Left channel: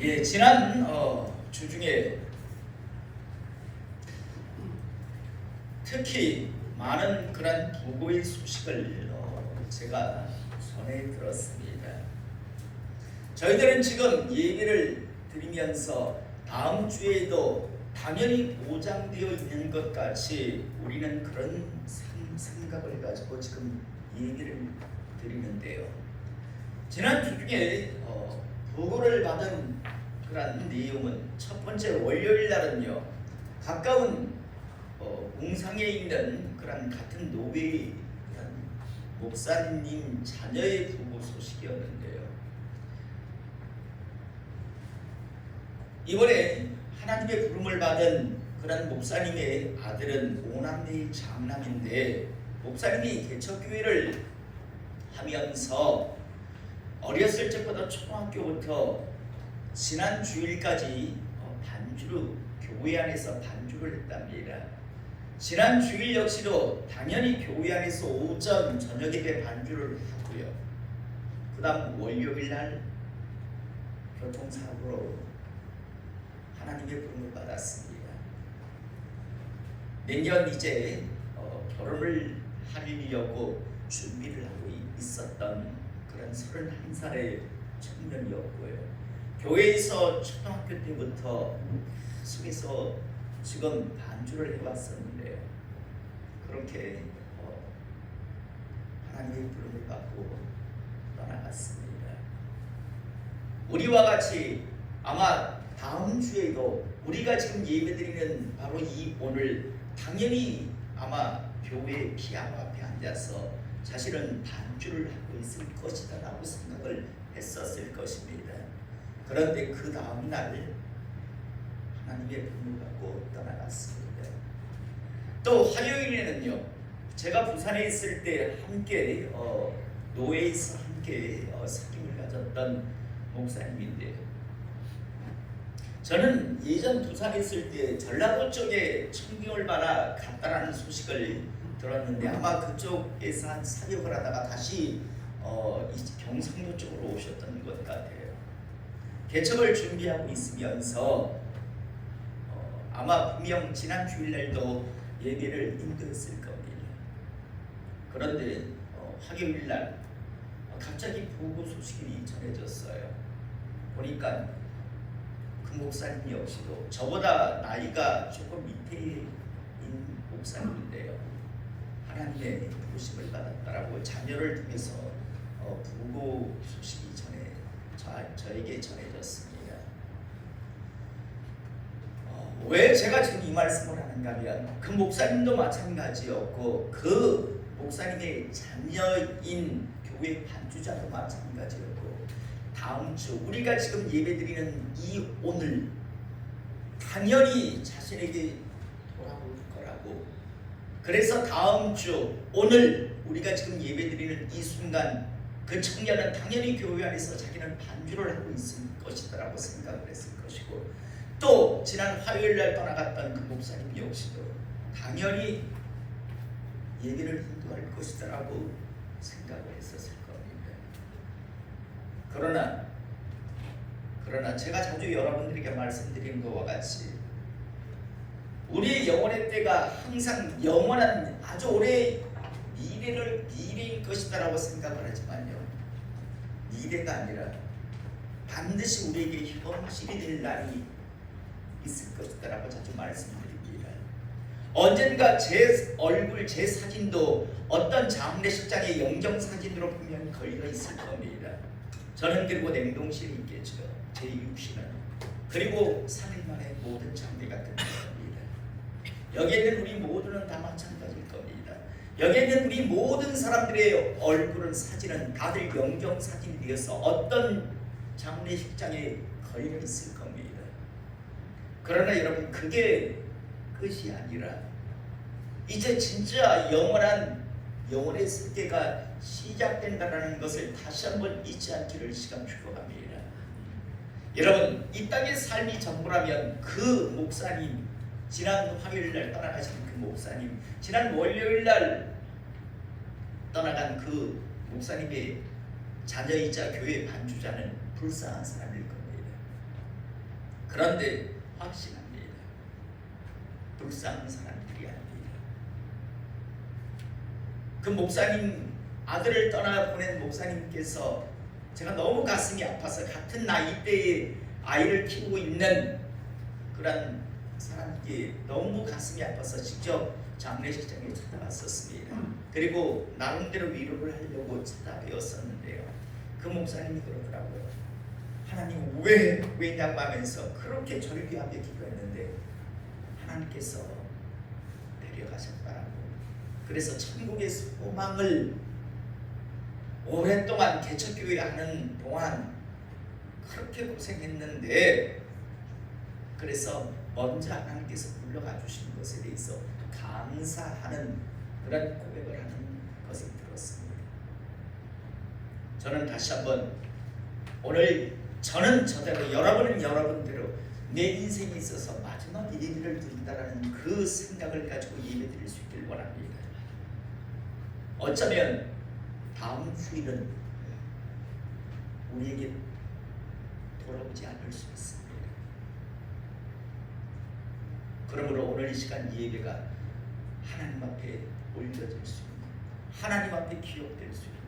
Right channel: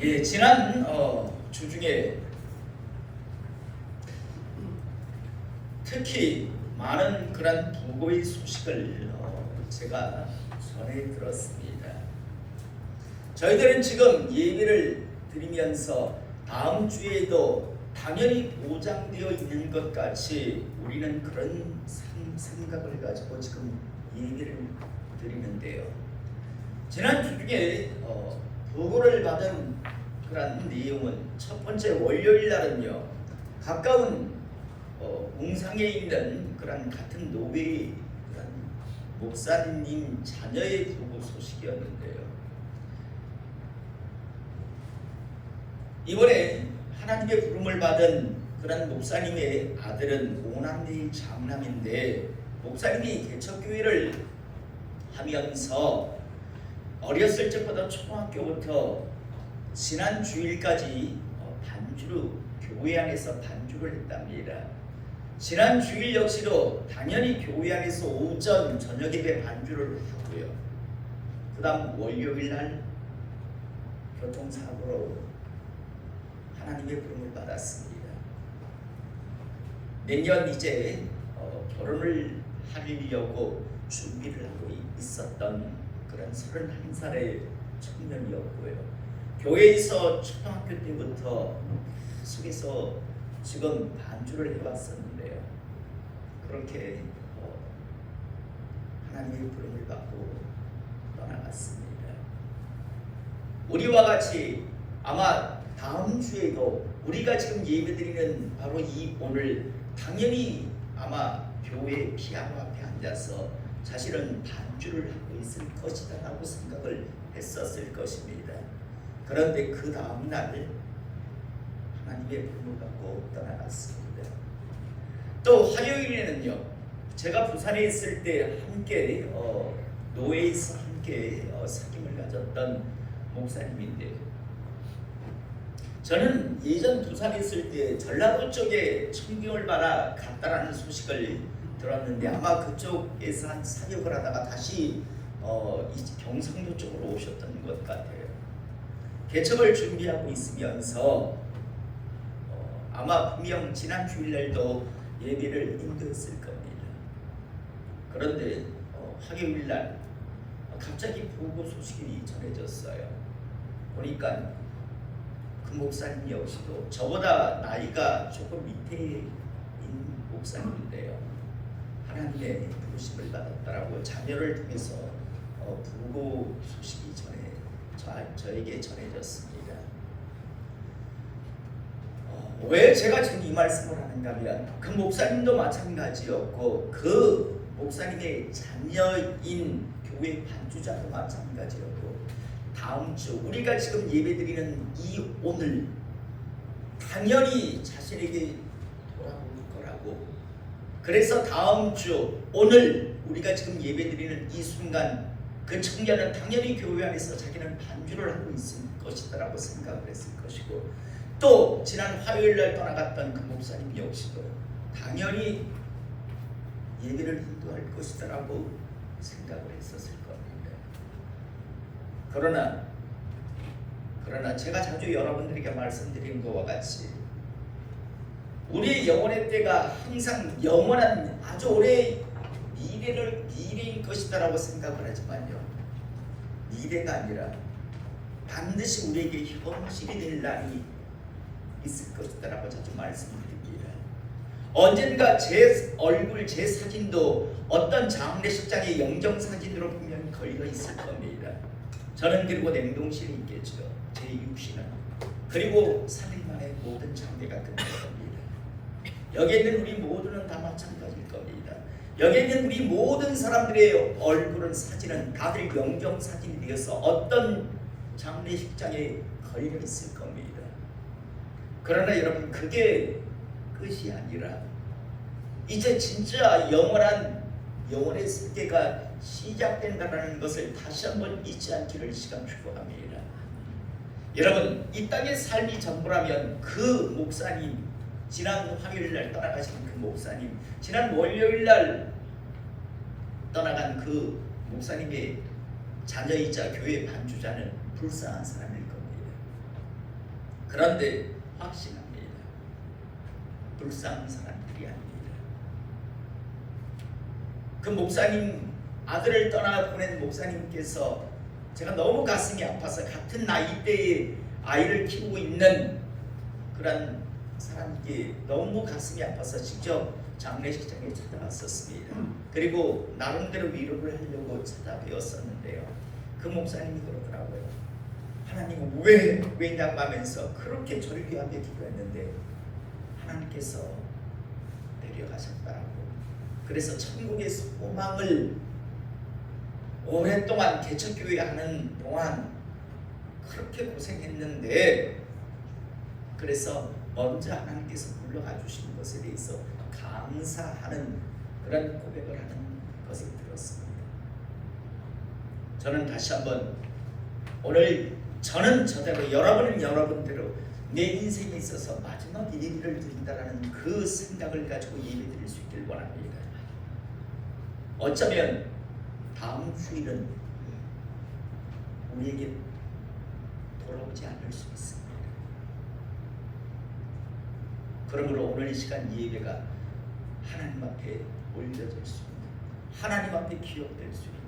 예, 지난 주 중에 특히 많은 그런 부고의 소식을 제가 전해 들었습니다. 저희들은 지금 예배를 드리면서 다음 주에도 당연히 보장되어 있는 것 같이 우리는 그런 생각을 가지고 지금 예배를 드리는데요. 지난 주 중에 보고를 받은 그런 내용은 첫 번째 월요일 날은요, 가까운 웅상에 있는 그런 같은 노베의 그런 목사님 자녀의 부고 소식이었는데요. 이번에 하나님의 부름을 받은 그런 목사님의 아들은 오남매의 장남인데, 목사님이 개척교회를 하면서 어렸을 적부터 초등학교부터 지난 주일까지 반주로 교회 안에서 반주를 했답니다. 지난 주일 역시도 당연히 교회 안에서 오전 저녁 예배 반주를 하고요. 그 다음 월요일 날 교통사고로 하나님의 부름을 받았습니다. 내년 이제 결혼을 하려고 준비를 하고 있었던 그런 31살의 청년이었고요. 교회에서 초등학교 때부터 속에서 지금 반주를 해왔었는데요. 그렇게 하나님의 부름을 받고 떠나갔습니다. 우리와 같이 아마 다음 주에도 우리가 지금 예배드리는 바로 이 오늘 당연히 아마 교회 피아노 앞에 앉아서 자신은 반주를 하고 있을 것이다 라고 생각을 했었을 것입니다. 그런데 그 다음 날 하나님의 부름을 받고 떠나갔습니다. 또 화요일에는요, 제가 부산에 있을 때 함께 노예에서 함께 사귐을 가졌던 목사님인데, 저는 예전 부산에 있을 때 전라도 쪽에 청빙을 받아 갔다라는 소식을 들었는데, 아마 그쪽에서 한 사역을 하다가 다시 경상도 쪽으로 오셨던 것 같아요. 개척을 준비하고 있으면서 아마 분명 지난 주일날도 예배를 인도했을 겁니다. 그런데 화요일날 갑자기 부고 소식이 전해졌어요. 보니까 그 목사님 역시도 저보다 나이가 조금 밑에인 목사님인데요, 하나님의 부르심을 받았다라고 자녀를 통해서 부고 소식이 저에게 전해졌습니다. 왜 제가 지금 이 말씀을 하는가 하면, 그 목사님도 마찬가지였고 그 목사님의 자녀인 교회 반주자도 마찬가지였고, 다음 주 우리가 지금 예배드리는 이 오늘 당연히 자신에게 돌아올 거라고, 그래서 다음 주 오늘 우리가 지금 예배드리는 이 순간 그 청년은 당연히 교회 안에서 자기는 반주를 하고 있을 것이다라고 생각을 했을 것이고, 또 지난 화요일날 떠나갔던 그 목사님 역시도 당연히 예배를 인도할 것이다라고 생각을 했었을 겁니다. 그러나 제가 자주 여러분들에게 말씀드린 것과 같이 우리 영혼의 때가 항상 영원한 아주 오래 미래일 것이다라고 생각을 하지만요, 미래가 아니라 반드시 우리에게 현실이 될 날이 있을 것이다라고 자주 말씀드립니다. 언젠가 제 얼굴, 제 사진도 어떤 장례식장의 영정사진으로 분명히 걸려 있을 겁니다. 저는 그리고 냉동실이 있겠죠. 제 육신은. 그리고 3일 만에 모든 장례가 끝날 겁니다. 여기에 있는 우리 모두는 다 마찬가지일 겁니다. 여기에 있는 우리 모든 사람들의 얼굴은, 사진은 다들 영정사진이 되어서 어떤 장례식장에 걸려 있을 겁니다. 그러나 여러분, 그게 끝이 아니라 이제 진짜 영원의 세계가 시작된다는 것을 다시 한번 잊지 않기를 시간 축복합니다. 여러분, 이 땅의 삶이 전부라면 그 목사님, 지난 화요일날 떠나가신 그 목사님, 지난 월요일날 떠나간 그 목사님의 자녀이자 교회 반주자는 불쌍한 사람일 겁니다. 그런데 확신합니다. 불쌍한 사람들이 아닙니다. 그 목사님 아들을 떠나 보낸 목사님께서 제가 너무 가슴이 아파서 같은 나이대의 아이를 키우고 있는 그런 사람께 너무 가슴이 아파서 직접 장례식장에 찾아갔었습니다. 그리고 나름대로 위로를 하려고 찾아뵈었었는데요. 그 목사님이 그러더라고요. 하나님 왜냐고 하면서 그렇게 절규하며 기도했는데 하나님께서 데려가셨다라고. 그래서 천국의 소망을 오랫동안 개척교회 하는 동안 그렇게 고생했는데 그래서 먼저 하나님께서 불러가 주신 것에 대해서 감사하는 그런 고백을 하는 것을 들었습니다. 저는 다시 한번 오늘 저는 저대로 여러분은 여러분대로 내 인생에 있어서 마지막 예배를 드린다라는 그 생각을 가지고 예배 드릴 수 있길 원합니다. 어쩌면 다음 주일은 우리에게 돌아오지 않을 수 있습니다. 그러므로 오늘 이 시간 예배가 하나님 앞에 올려질 수 있는, 하나님 앞에 기억될 수 있는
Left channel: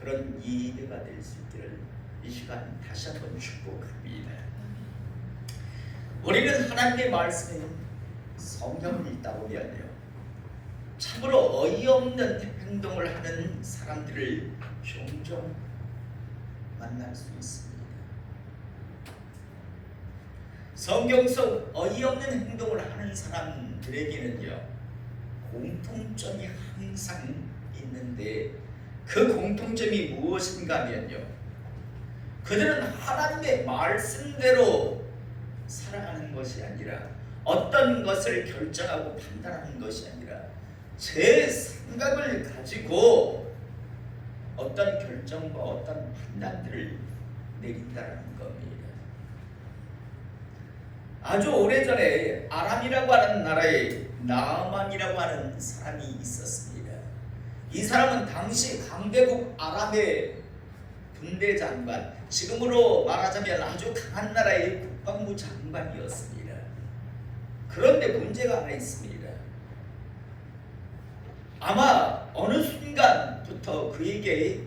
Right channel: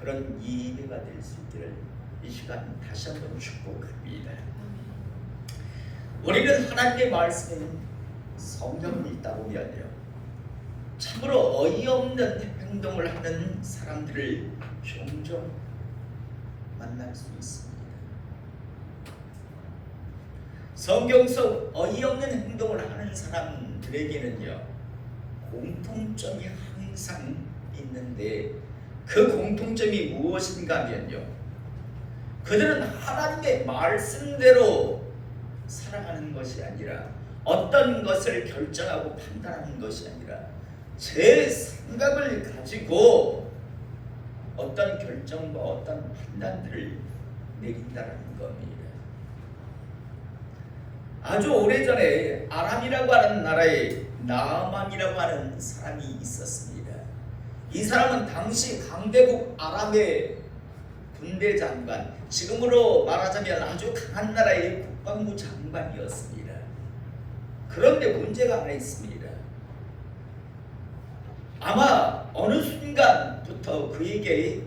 그런 예배가 될 수 있기를 이 시간 다시 한번 축복합니다. 우리는 하나님의 말씀인 성경을 읽다 보면요, 참으로 어이없는 행동을 하는 사람들을 종종 만날 수 있습니다. 성경 속 어이없는 행동을 하는 사람들에게는요, 공통점이 항상 있는데 그 공통점이 무엇인가 하면요, 그들은 하나님의 말씀대로 살아가는 것이 아니라 어떤 것을 결정하고 판단하는 것이 아니라 제 생각을 가지고 어떤 결정과 어떤 판단들을 내린다는 겁니다. 아주 오래전에 아람이라고 하는 나라에 나아만이라고 하는 사람이 있었습니다. 이 사람은 당시 강대국 아람의 군대 장관, 지금으로 말하자면 아주 강한 나라의 국방부 장관이었습니다. 그런데 문제가 하나 있습니다. 아마 어느 순간부터 그에게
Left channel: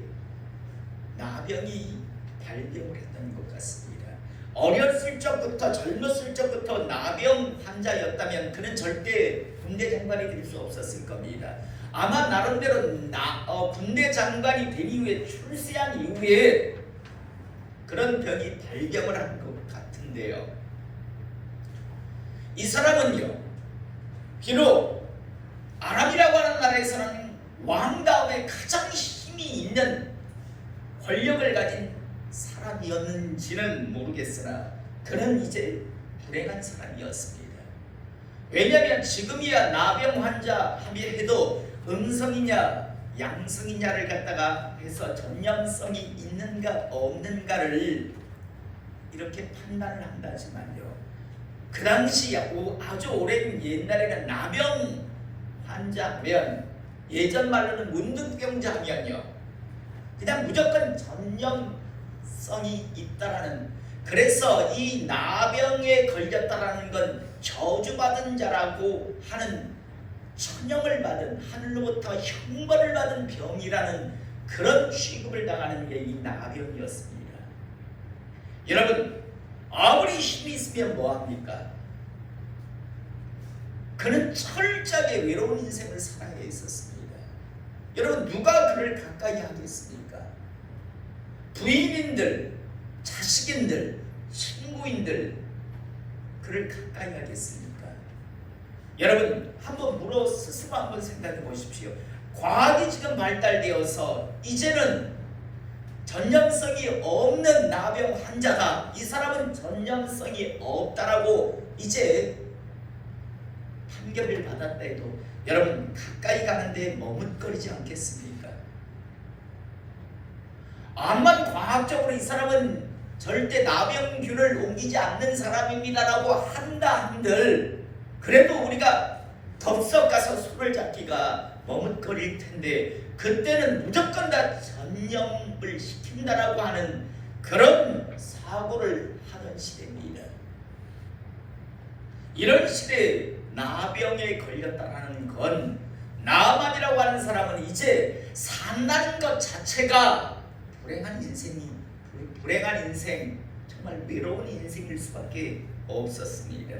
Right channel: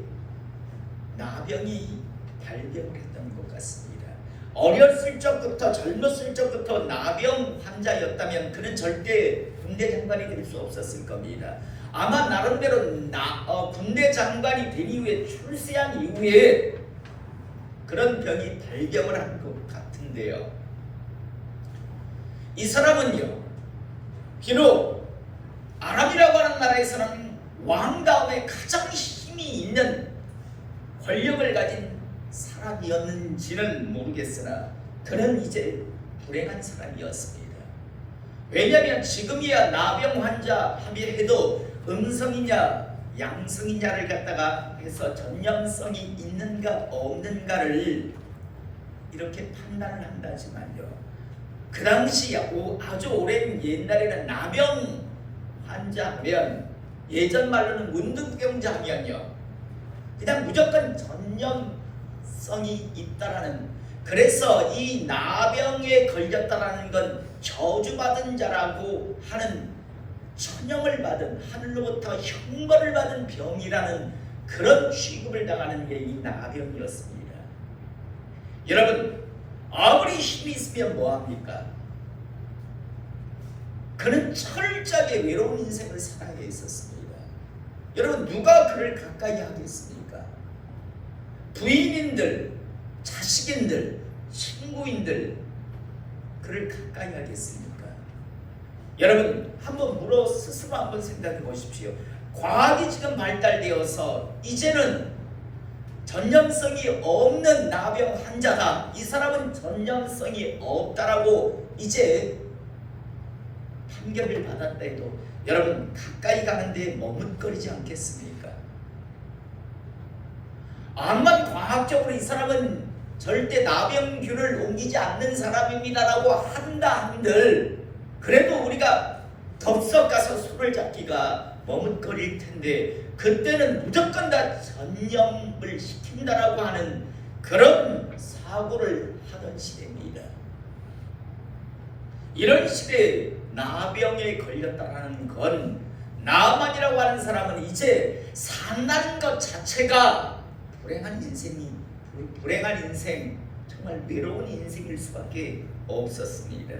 나병이 발병을 했던 것 같습니다. 어렸을 적부터 젊었을 적부터 나병 환자였다면 그는 절대 군대 장관이 될 수 없었을 겁니다. 아마 나름대로 군대 장관이 된 이후에 출세한 이후에 그런 병이 발병을 한 것 같은데요. 이 사람은요, 비록 아람이라고 하는 나라에서는 왕 다음에 가장 힘이 있는 권력을 가진 사람이었는지는 모르겠으나 그는 이제 불행한 사람이었습니다. 왜냐하면 지금이야 나병 환자 합의해도 음성이냐 양성이냐를 갖다가 해서 전염성이 있는가 없는가를 이렇게 판단을 한다지만요, 그 당시 아주 오랜 옛날에는 나병 환자면 예전 말로는 문둥병자 하면요 그냥 무조건 전염성이 있다라는, 그래서 이 나병에 걸렸다라는 건 저주받은 자라고 하는, 천형을 받은, 하늘로부터 형벌을 받은 병이라는 그런 취급을 당하는 게 이 나병이었습니다. 여러분, 아무리 힘이 있으면 뭐합니까? 그는 철저하게 외로운 인생을 살아야 했었습니다. 여러분, 누가 그를 가까이 하겠습니까? 부인인들, 자식인들, 친구인들 그를 가까이 하겠습니까? 여러분, 한번 스스로 한번 생각해 보십시오. 과학이 지금 발달되어서 이제는 전염성이 없는 나병 환자다, 이 사람은 전염성이 없다라고 이제 판결을 받았다 해도 여러분 가까이 가는데 머뭇거리지 않겠습니까? 암만 과학적으로 이 사람은 절대 나병균을 옮기지 않는 사람입니다라고 한다 한들 그래도 우리가 덥석 가서 손을 잡기가 머뭇거릴 텐데 그때는 무조건 다 전염을 시킨다라고 하는 그런 사고를 하던 시대입니다. 이런 시대에 나병에 걸렸다는 건 나만이라고 하는 사람은 이제 산다는 것 자체가 불행한 인생, 정말 외로운 인생일 수밖에 없었습니다.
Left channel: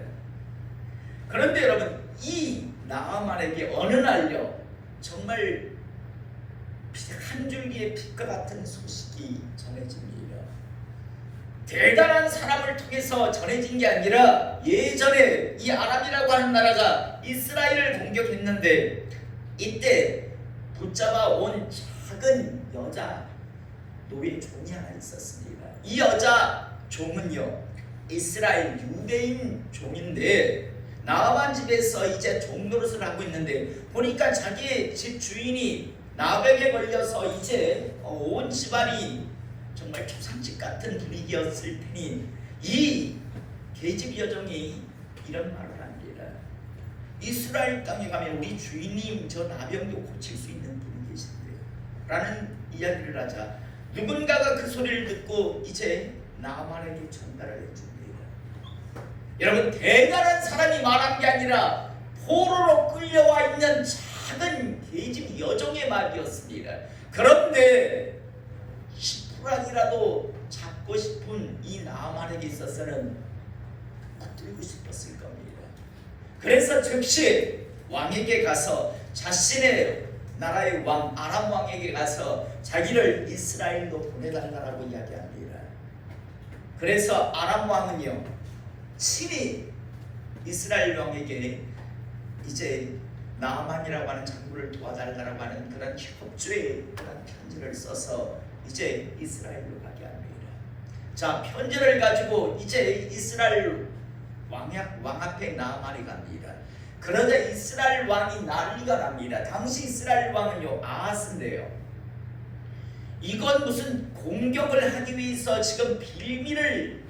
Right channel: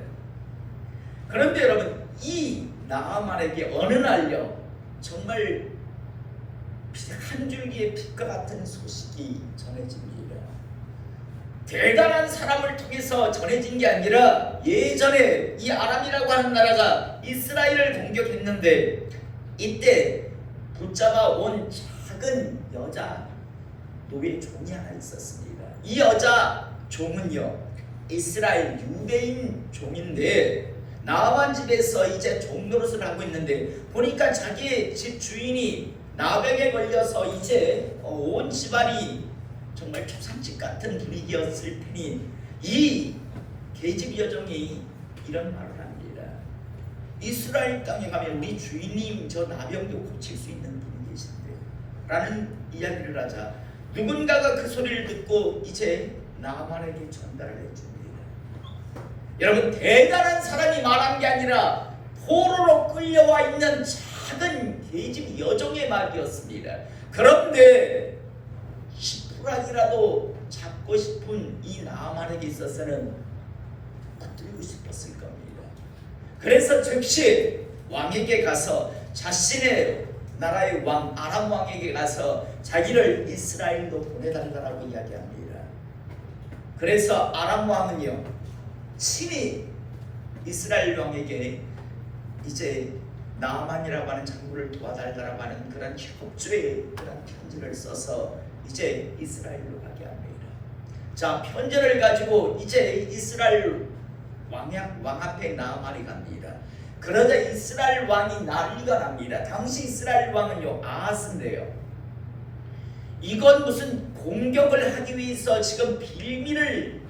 그런데 여러분, 이 나아만에게 어느 날요 정말 한 줄기의 빛과 같은 소식이 전해집니다. 대단한 사람을 통해서 전해진 게 아니라 예전에 이 아람이라고 하는 나라가 이스라엘을 공격했는데 이때 붙잡아 온 작은 여자 노예 종이 하나 있었습니다. 이 여자 종은요 이스라엘 유대인 종인데 나아만 집에서 이제 종노릇을 하고 있는데 보니까 자기의 집 주인이 나병에 걸려서 이제 온 집안이 정말 초상집 같은 분위기였을 테니 이 계집 여종이 이런 말을 합니다. 이스라엘 땅에 가면 우리 주인님 저 나병도 고칠 수 있는 분이 계신데 라는 이야기를 하자 누군가가 그 소리를 듣고 이제 나만에게 전달을 해줍니다. 여러분, 대단한 사람이 말한 게 아니라 포로로 끌려와 있는 작은 계집 여종의 말이었습니다. 그런데 10%라도 잡고 싶은 이 나만에게 있어서는 붙들고 싶었을 겁니다. 그래서 즉시 왕에게 가서 자신의 나라의 왕 아람 왕에게 가서 자기를 이스라엘로 보내달라고 이야기합니다. 그래서 아람 왕은요 친히 이스라엘 왕에게 이제 나아만이라고 하는 장군을 도와달라고 하는 그런 협조의 그런 편지를 써서 이제 이스라엘로 가게 합니다. 자, 편지를 가지고 이제 이스라엘 왕 앞에 나아만이 갑니다. 그러자 이스라엘 왕이 난리가 납니다. 당시 이스라엘 왕은요 아하스인데요. 이건 무슨 공격을 하기 위해서 지금 빌미를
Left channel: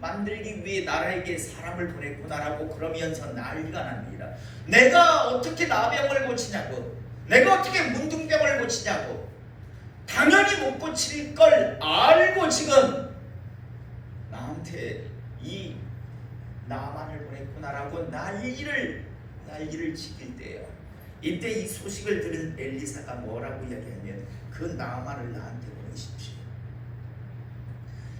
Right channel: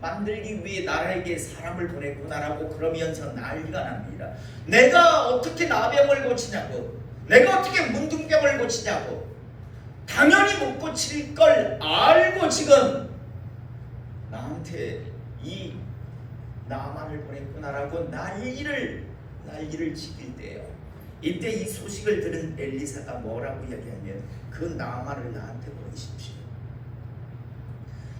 만들기 위해 나라에게 사람을 보냈구나라고 그러면서 난리가 납니다. 내가 어떻게 나병을 고치냐고, 내가 어떻게 문둥병을 고치냐고, 당연히 못 고칠 걸 알고 지금 나한테 이 나만을 보냈구나라고 난리를 치길 때요. 이때 이 소식을 들은 엘리사가 뭐라고 이야기하면 그 나만을 나한테 보내십시오.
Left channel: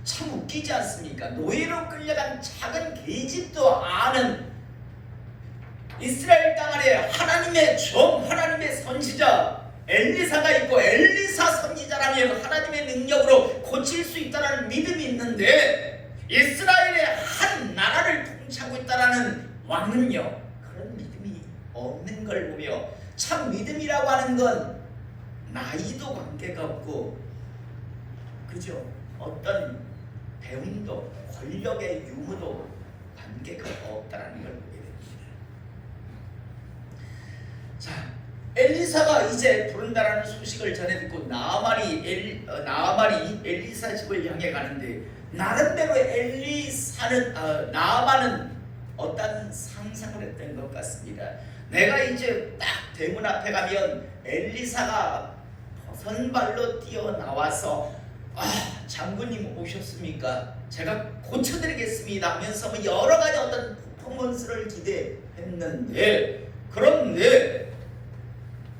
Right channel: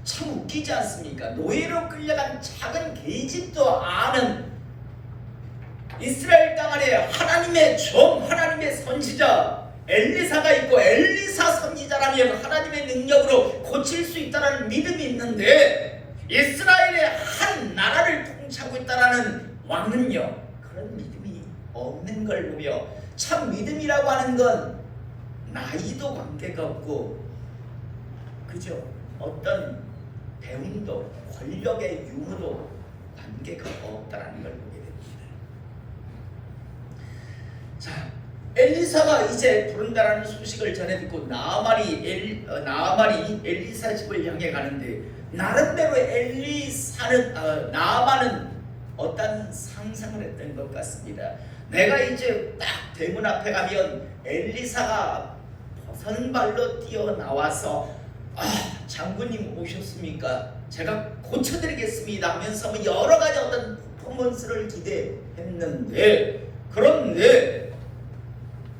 참 웃기지 않습니까? 노예로 끌려간 작은 계집도 아는 이스라엘 땅 안에 하나님의 종, 하나님의 선지자 엘리사가 있고 엘리사 선지자라면 하나님의 능력으로 고칠 수 있다는 믿음이 있는데 이스라엘의 한 나라를 통치하고 있다는 왕은요 그런 믿음이 없는 걸 보며 참 믿음이라고 하는 건 나이도 관계가 없고 그죠? 어떤 배움도 권력의 유무도 관계가 없다는 걸 보게 됩니다. 자, 엘리사가 이제 부른다라는 소식을 전해 듣고 나아만이 엘리사 집을 향해 가는데 나름대로 나아만은 어떤 상상을 했던 것 같습니다. 내가 이제 딱 대문 앞에 가면 엘리사가 벗은발로 뛰어나와서 장군님 오셨습니까? 제가 고쳐드리겠습니다 하면서 여러 가지 어떤 퍼포먼스를 기대했는데 그런데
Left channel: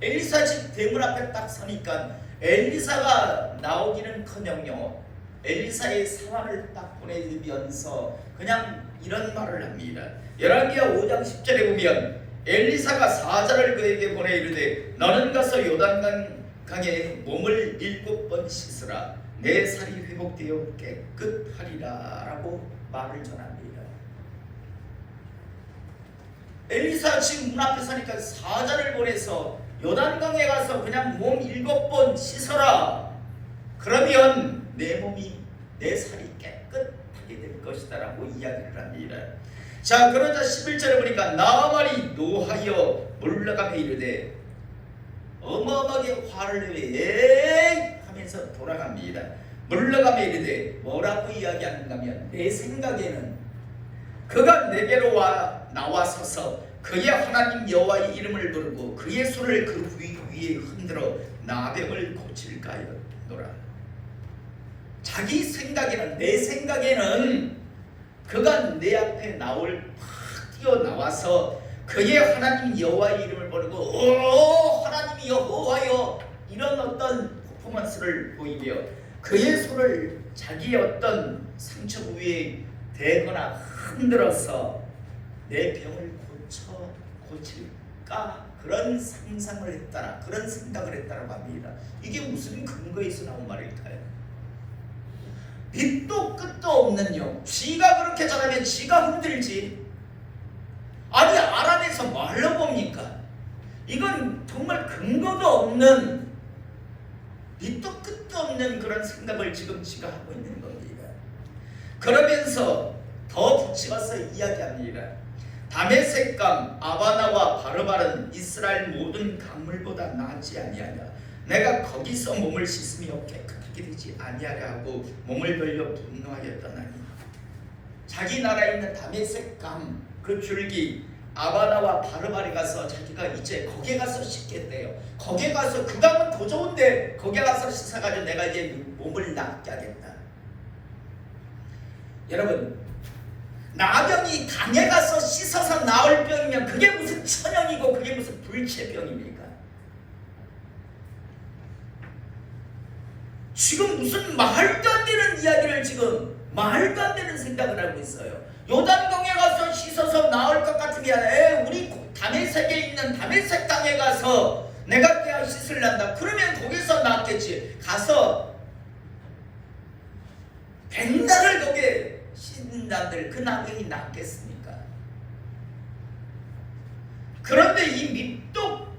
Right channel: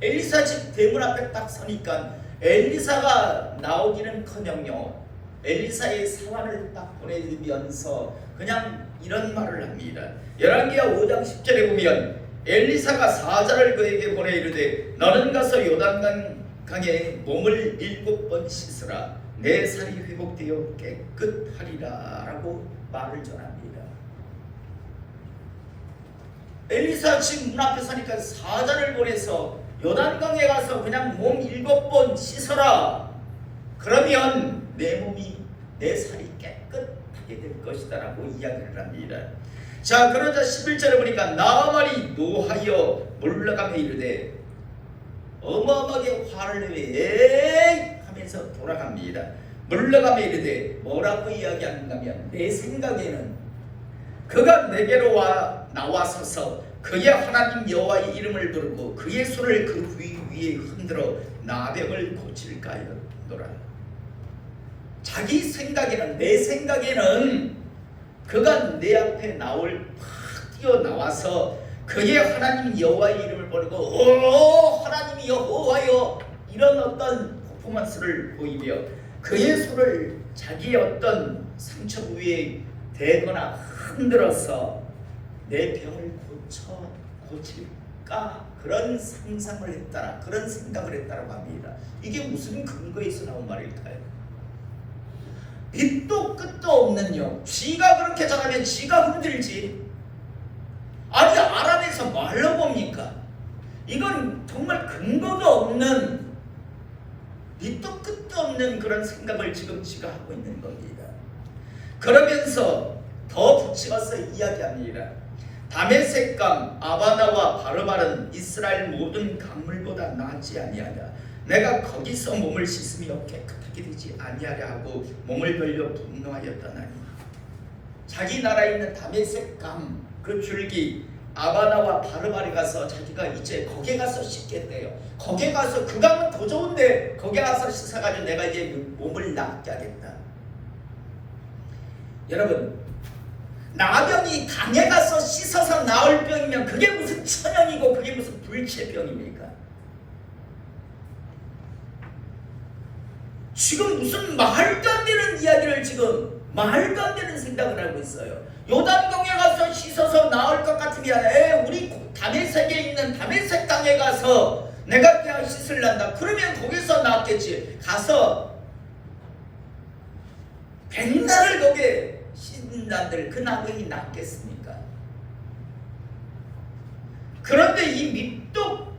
엘리사 집 대문 앞에 딱 서니까 엘리사가 나오기는커녕 엘리사의 사환을 딱 보내면서 그냥 이런 말을 합니다. 열왕기하 5장 10절에 보면 엘리사가 사자를 그에게 보내 이르되 너는 가서 요단강에 몸을 7번 씻으라 내 살이 회복되어 깨끗하리라 라고 말을 전합니다. 엘리사 집 문 앞에 서니까 사자를 보내서 요단강에 가서 그냥 몸 7번 씻어라. 그러면 내 살이 깨끗하게 될 것이다 라고 이야기를 합니다. 자, 그러자 11절에 보니까 나아만이 노하여 물러가며 이르되 어마어마하게 화를 내며 하면서 돌아갑니다. 물러가며 이르되 뭐라고 이야기하는가 하면 내 생각에는 그가 내게로 나와서서 그의 하나님 여호와의 이름을 부르고 그의 손을 그 위에 흔들어 나병을 고칠까 하였노라. 자기 생각에는 내 생각에는 그가 내 앞에 나올 팍 튀어나와서 그의 하나님 여호와의 이름을 부르고 오 하나님이 여호와여 이런 어떤 퍼포먼스를 보이며 그의 손을 자기의 어떤 상처 부위에 대거나 흔들어서 내 병을 고칠까 그런 상상을 했다라 그런 생각을 했다라고 합니다. 이게 무슨 근거에서 나온 말일까요? 밑도 끝도 없는 영. 지가 그렇게 잘하면 지가 흔들지. 아니 아람에서 말로 봅니까? 이건 정말 근거도 없는 밑도 끝도 없는 그런 생각을 지금 지가 하고 있는 겁니다. 그러면서 더 붙여서 이야기합니다. 다메섹강 아바나와 바르바른 이스라엘 모든 강물보다 낫지 아니하냐. 내가 거기서 몸을 씻으며 깨끗하게 되지 아니하려 하고 몸을 벌려 분노하였다나니. 자기 나라에 있는 다메섹강 그 줄기 아바나와 바르바리 가서 자기가 이제 거기에 가서 씻겠대요. 거기에 가서 그 강은 더 좋은데 거기에 가서 씻어가지고 내가 이제 몸을 낫게 하겠다. 여러분 나병이 강에 가서 씻어서 나을 병이면 그게 무슨 천연이고 그게 무슨 불체병입니까? 지금 무슨 말도 안 되는 이야기를 지금 말도 안 되는 생각을 하고 있어요. 요단강에 가서 씻어서 나을 것 같으면 우리 다메섹에 있는 다메섹 강에 가서 내가 그냥 씻을란다. 그러면 거기서 낫겠지. 가서 백날을 거기에 씻는다들 그 나병이 낫겠습니까? 그런데 이 밑도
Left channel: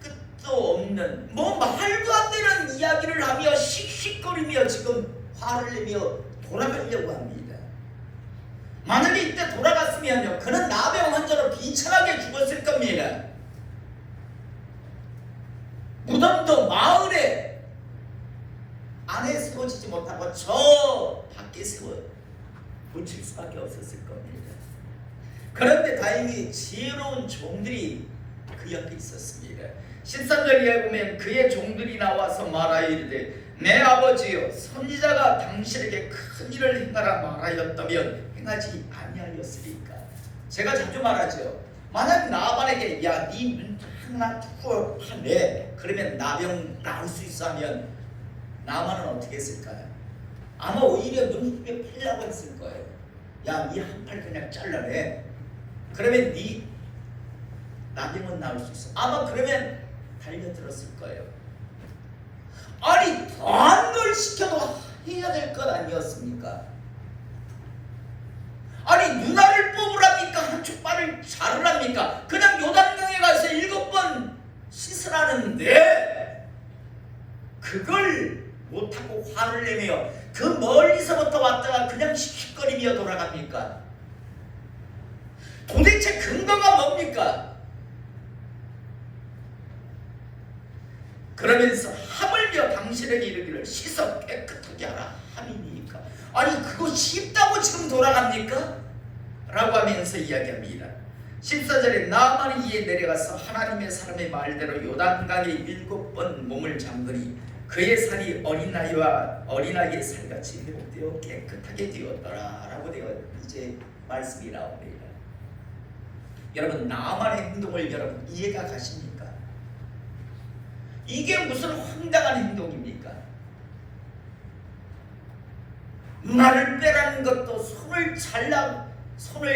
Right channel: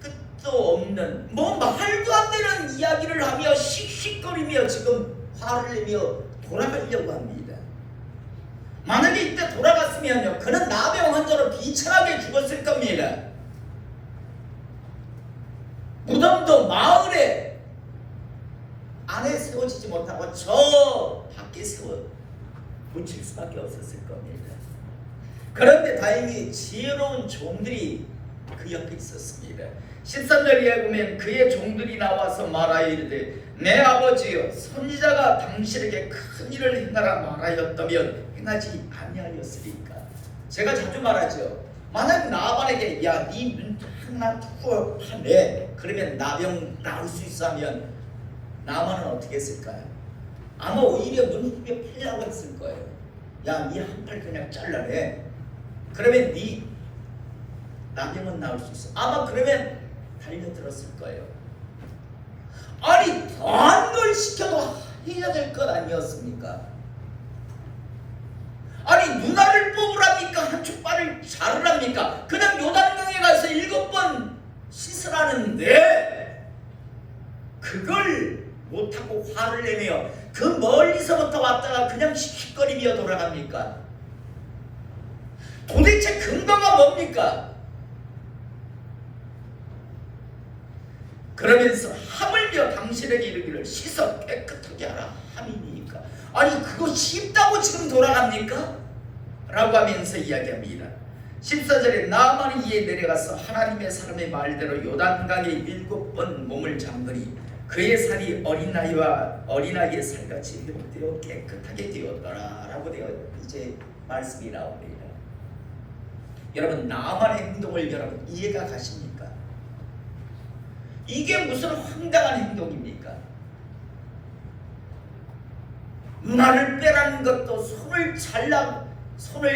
끝도 없는 뭐 말도 안 되는 이야기를 하며 씩씩거리며 지금 화를 내며 돌아가려고 합니다. 만약에 이때 돌아갔으면요 그는 나병 환자로 비참하게 죽었을 겁니다. 무덤도 마을에 안에 세워지지 못하고 저 밖에 세워 붙일 수밖에 없었을 겁니다. 그런데 다행히 지혜로운 종들이 그 옆에 있었습니다. 13절 이하에 보면 그의 종들이 나와서 말하이르되 내 아버지여 선지자가 당신에게 큰 일을 행하라 말하였다면 행하지 아니하였으리까. 제가 자주 말하죠. 만약 나만에게 야 네 눈 하나 투어하네 그러면 나병 나을 수 있어 하면 나만은 어떻게 했을까요? 아마 오히려 눈 힘에 팔려고 했을 거예요. 야 네 한 팔 그냥 잘라내 그러면 네 나병은 나을 수 있어. 아마 그러면 달려들었을 거예요. 아니 더한 걸 시켜도 해야 될 것 아니었습니까? 아니 누나를 뽑으랍니까? 한쪽 발을 자르랍니까? 그냥 요단강에 가서 7번 씻으라는데 그걸 못하고 화를 내며 그 멀리서부터 왔다가 그냥 씩씩거리며 돌아갑니까? 도대체 근거가 뭡니까? 그러면서 하물며 당신에게 이르기를 씻어 깨끗하게 하라 함이니까. 아니 그거 쉽다고 지금 돌아갑니까? 라고 하면서 이야기합니다. 14절에 나아만이 이에 내려가서 하나님의 사람의 말대로 요단강에 7번 몸을 잠그니 그의 살이 어린아이의 살같이 회복되어 깨끗하게 되었더라 라고 되어 이제 말씀이 나옵니다. 여러분 나아만의 행동을 여러분 이해가 가십니까? 이게 무슨 황당한 행동입니까? 누나를 빼라는 것도 손을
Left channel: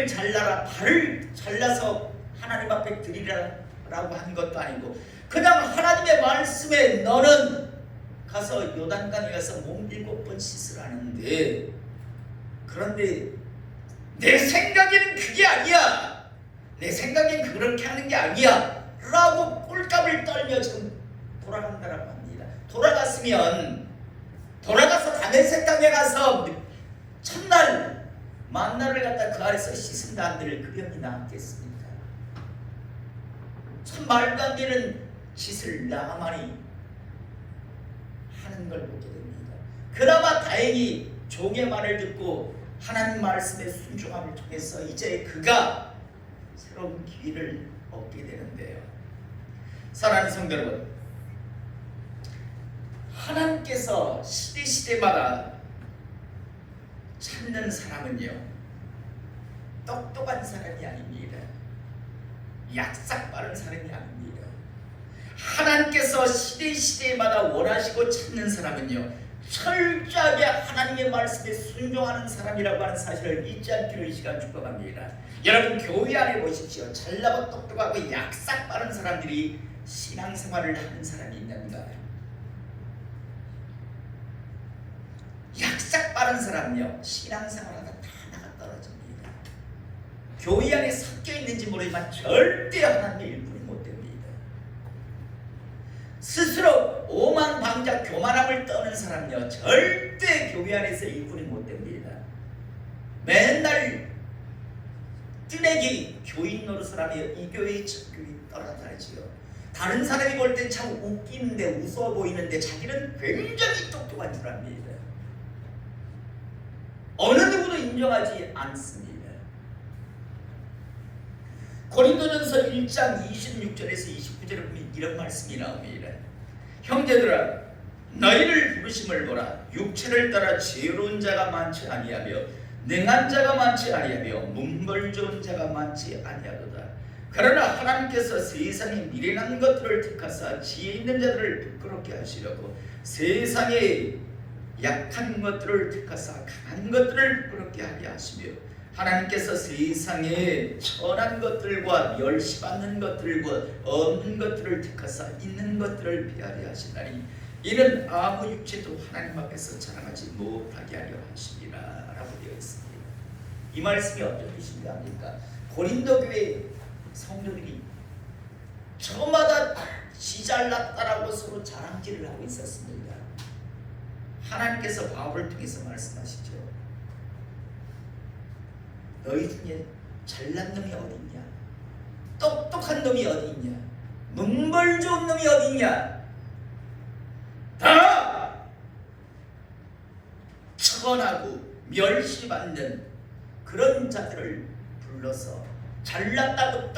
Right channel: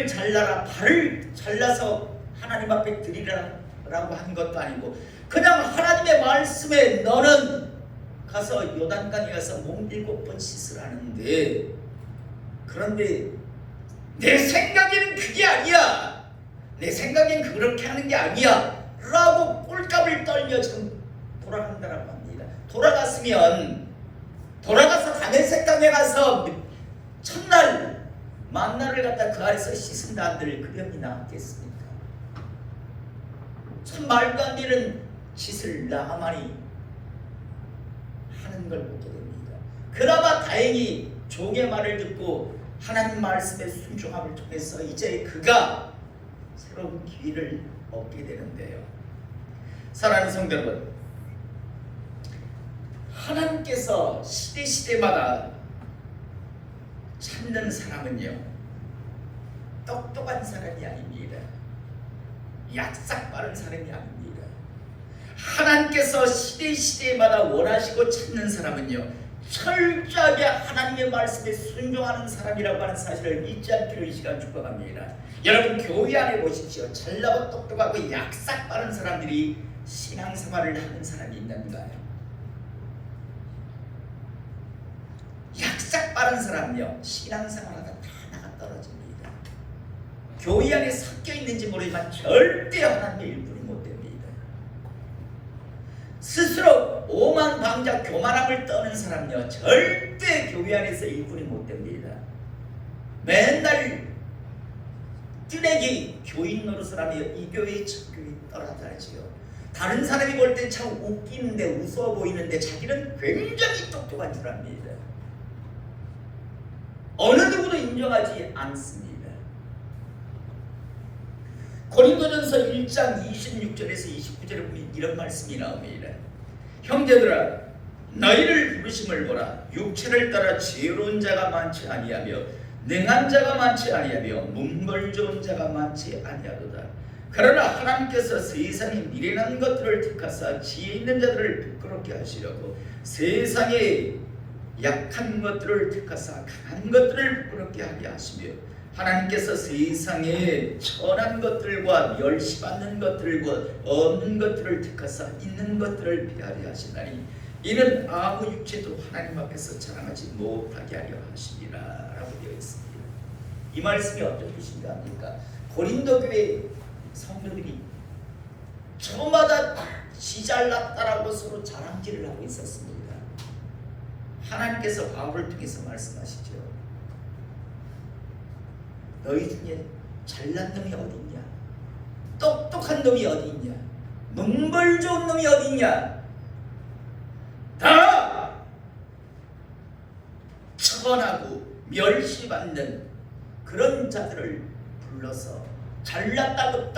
잘라라 발을 잘라서 하나님 앞에 드리라라고 한 것도 아니고 그냥 하나님의 말씀에 너는 가서 요단강에 가서 몸 7번 씻으라는데 그런데 내 생각에는 그게 아니야. 내 생각엔 그렇게 하는 게 아니야 라고 꼴값을 떨며 지금 돌아간다라고 합니다. 돌아가서 다메섹 강에 가서 첫날 만나를 갖다 그 아래서 씻은다 한들 그 병이 나았겠습니까? 참 말도 안 되는 짓을 나아만이 하는 걸 보게 됩니다. 그나마 다행히 종의 말을 듣고 하나님 말씀의 순종함을 통해서 이제 그가 새로운 기회를 얻게 되는데요. 사랑하는 성도 여러분, 하나님께서 시대마다 찾는 사람은요 똑똑한 사람이 아닙니다. 약삭 빠른 사람이 아닙니다. 하나님께서 시대마다 원하시고 찾는 사람은요, 철저하게 하나님의 말씀에 순종하는 사람이라고 하는 사실을 잊지 않기를 이 시간 축복합니다. 여러분, 교회 안에 보십시오. 잘나고 똑똑하고 약삭 빠른 사람들이 신앙생활을 하는 사람이 있는가요? 약삭 빠른 사람은요, 신앙생활하다 다 나가 떨어집니다. 교회 안에 섞여 있는지 모르지만 절대 하나님의 일꾼이 못 됩니다. 스스로 오만방자 교만함을 떠는 사람은요, 절대 교회 안에서 일꾼이 못 됩니다. 맨날 뜨레기 교인 노릇을 하며 이 교회의 첫 교회 떨어져야지요. 다른 사람이 볼 땐 참 웃기는데 웃어 보이는데 자기는 굉장히 똑똑한 줄 압니다. 어느 누구도 인정하지 않습니다. 고린도전서 1장 26절에서 29절에 보면 이런 말씀이 나옵니다. 형제들아, 너희를 부르심을 보라. 육체를 따라 지혜로운 자가 많지 아니하며 능한 자가 많지 아니하며 문벌 좋은 자가 많지 아니하도다. 그러나 하나님께서 세상의 미련한 것들을 택하사 지혜 있는 자들을 부끄럽게 하시려고 세상의 약한 것들을 택하사 강한 것들을 부끄럽게 하게 하시며 하나님께서 세상에 천한 것들과 멸시받는 것들과 없는 것들을 택하사 있는 것들을 피하려 하시나니 이는 아무 육체도 하나님 앞에서 자랑하지 못하게 하려 하시니라 라고 되어 있습니다. 이 말씀이 어떤 뜻인가 합니까? 고린도 교회 성도들이 저마다 지잘났다라고 서로 자랑질을 하고 있었습니다. 하나님께서 바울을 통해서 말씀하시죠. 너희 중에 잘난 놈이 어디 있냐? 똑똑한 놈이 어디 있냐? 문벌 좋은 놈이 어디 있냐? 다 천하고 멸시받는 그런 자들을 불러서 잘났다고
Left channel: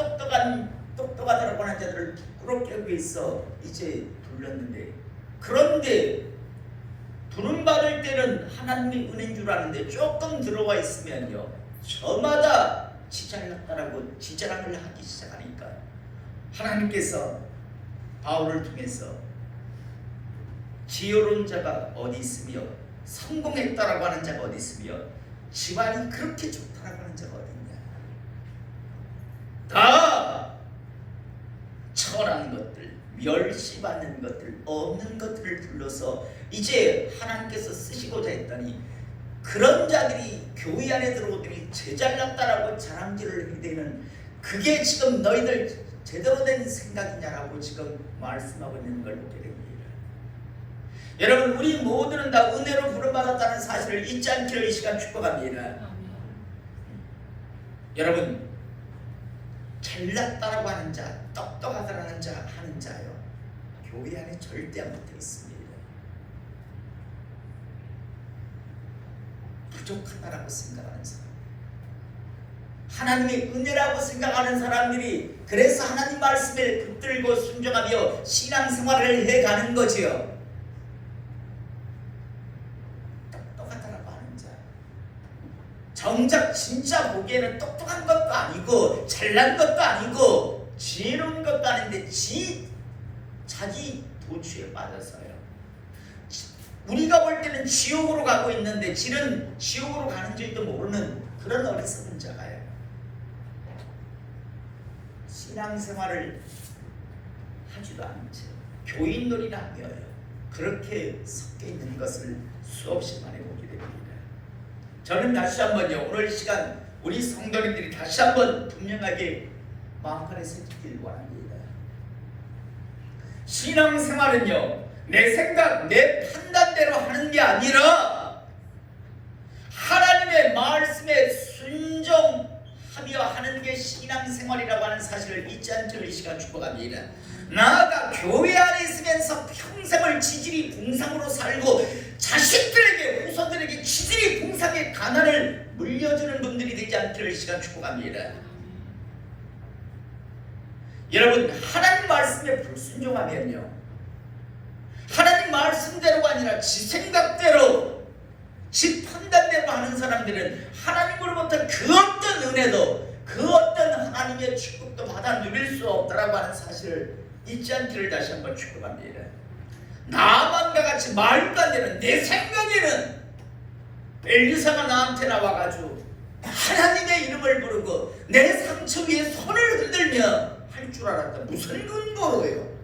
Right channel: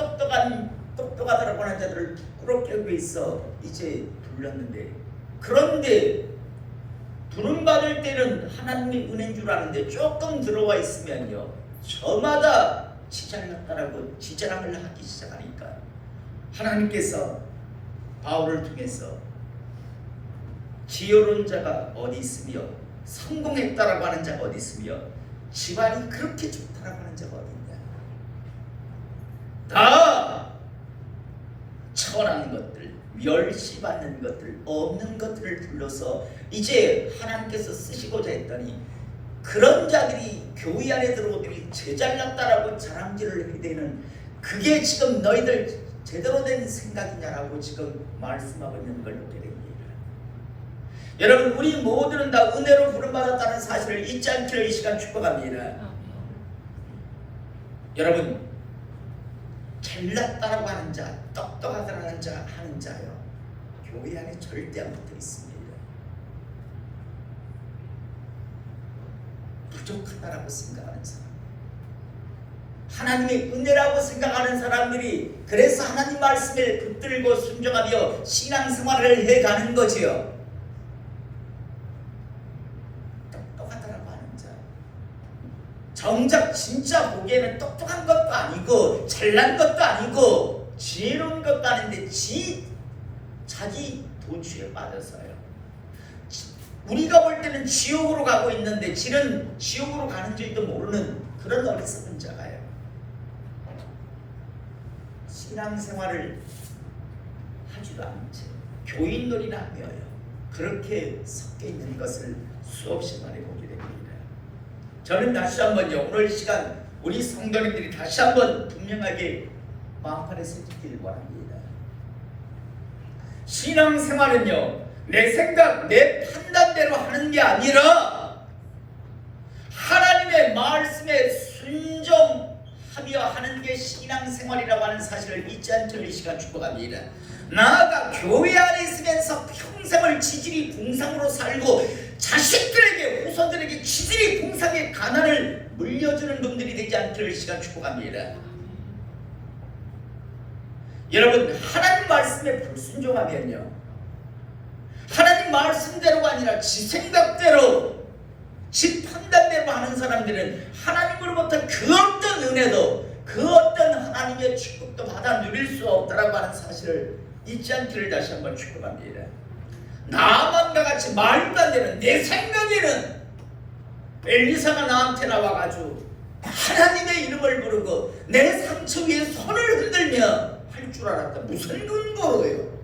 똑똑하다라고 하는 자들을 부끄럽게 하기 위해서 이제 불렀는데, 그런데 부름받을 때는 하나님의 은혜인 줄 아는데 조금 들어와 있으면요, 저마다 지잘났다라고 지자랑을 하기 시작하니까 하나님께서 바울을 통해서 지혜로운 자가 어디 있으며 성공했다라고 하는 자가 어디 있으며 집안이 그렇게 좋다라고 하는 자가 어디 있냐? 다 천한 것들, 멸시받는 것들, 없는 것들을 불러서 이제 하나님께서 쓰시고자 했더니 그런 자들이 교회 안에 들어오더니 제잘났다라고 자랑질을 하게 되는, 그게 지금 너희들 제대로 된 생각이냐라고 지금 말씀하고 있는 걸 보게 됩니다. 여러분, 우리 모두는 다 은혜로 부름받았다는 사실을 잊지 않기를 이 시간 축복합니다. 여러분, 잘났다라고 하는 자, 똑똑하다라는 자 하는 자요, 교회 안에 절대 안 붙어 있습니다. 부족하다라고 생각하는 사람, 하나님의 은혜라고 생각하는 사람들이 그래서 하나님 말씀에 붙들고 순종하며 신앙생활을 해가는 거지요. 똑똑하다라고 하는 자, 정작 진짜 보기에는 똑똑한 것도 아니고 잘난 것도 아니고 지혜로운 것도 아닌데 자기 도취에 빠져서요, 우리가 볼 때는 지옥으로 가고 있는데 지는 지옥으로 가는 줄도 모르는 그런 어리석은 자가요. 신앙생활을 하지도 않은 채 교인놀이나 하며요, 그렇게 섞여 있는 것을 수없이 많이 보게 됩니다. 저는 다시 한번요, 오늘 시간 우리 성도님들이 다시 한번 분명하게 마음판에 새기길 원합니다. 신앙생활은요, 내 생각, 내 판단대로 하는 게 아니라 하나님의 말씀에 순종하며 하는 게 신앙생활이라고 하는 사실을 잊지 않기를 이 시간 축복합니다. 나아가 교회 안에 있으면서 평생을 지질이 봉상으로 살고 자식들에게, 후손들에게 지질이 봉상의 가난을 물려주는 분들이 되지 않기를 이 시간 축복합니다. 여러분, 하나님 말씀에 불순종하면요, 하나님 말씀대로가 아니라 지 생각대로, 지 판단대로 하는 사람들은 하나님으로부터 그 어떤 어떤 은혜도 그 어떤 하나님의 축복도 받아 누릴 수 없다라고 하는 사실을 잊지 않기를 다시 한번 축복합니다. 나만과 같이 말도 안 되는 내 생각에는 엘리사가 나한테 나와가지고 하나님의 이름을 부르고 내 상처 위에 손을 흔들며 할 줄 알았다. 무슨 근거로요?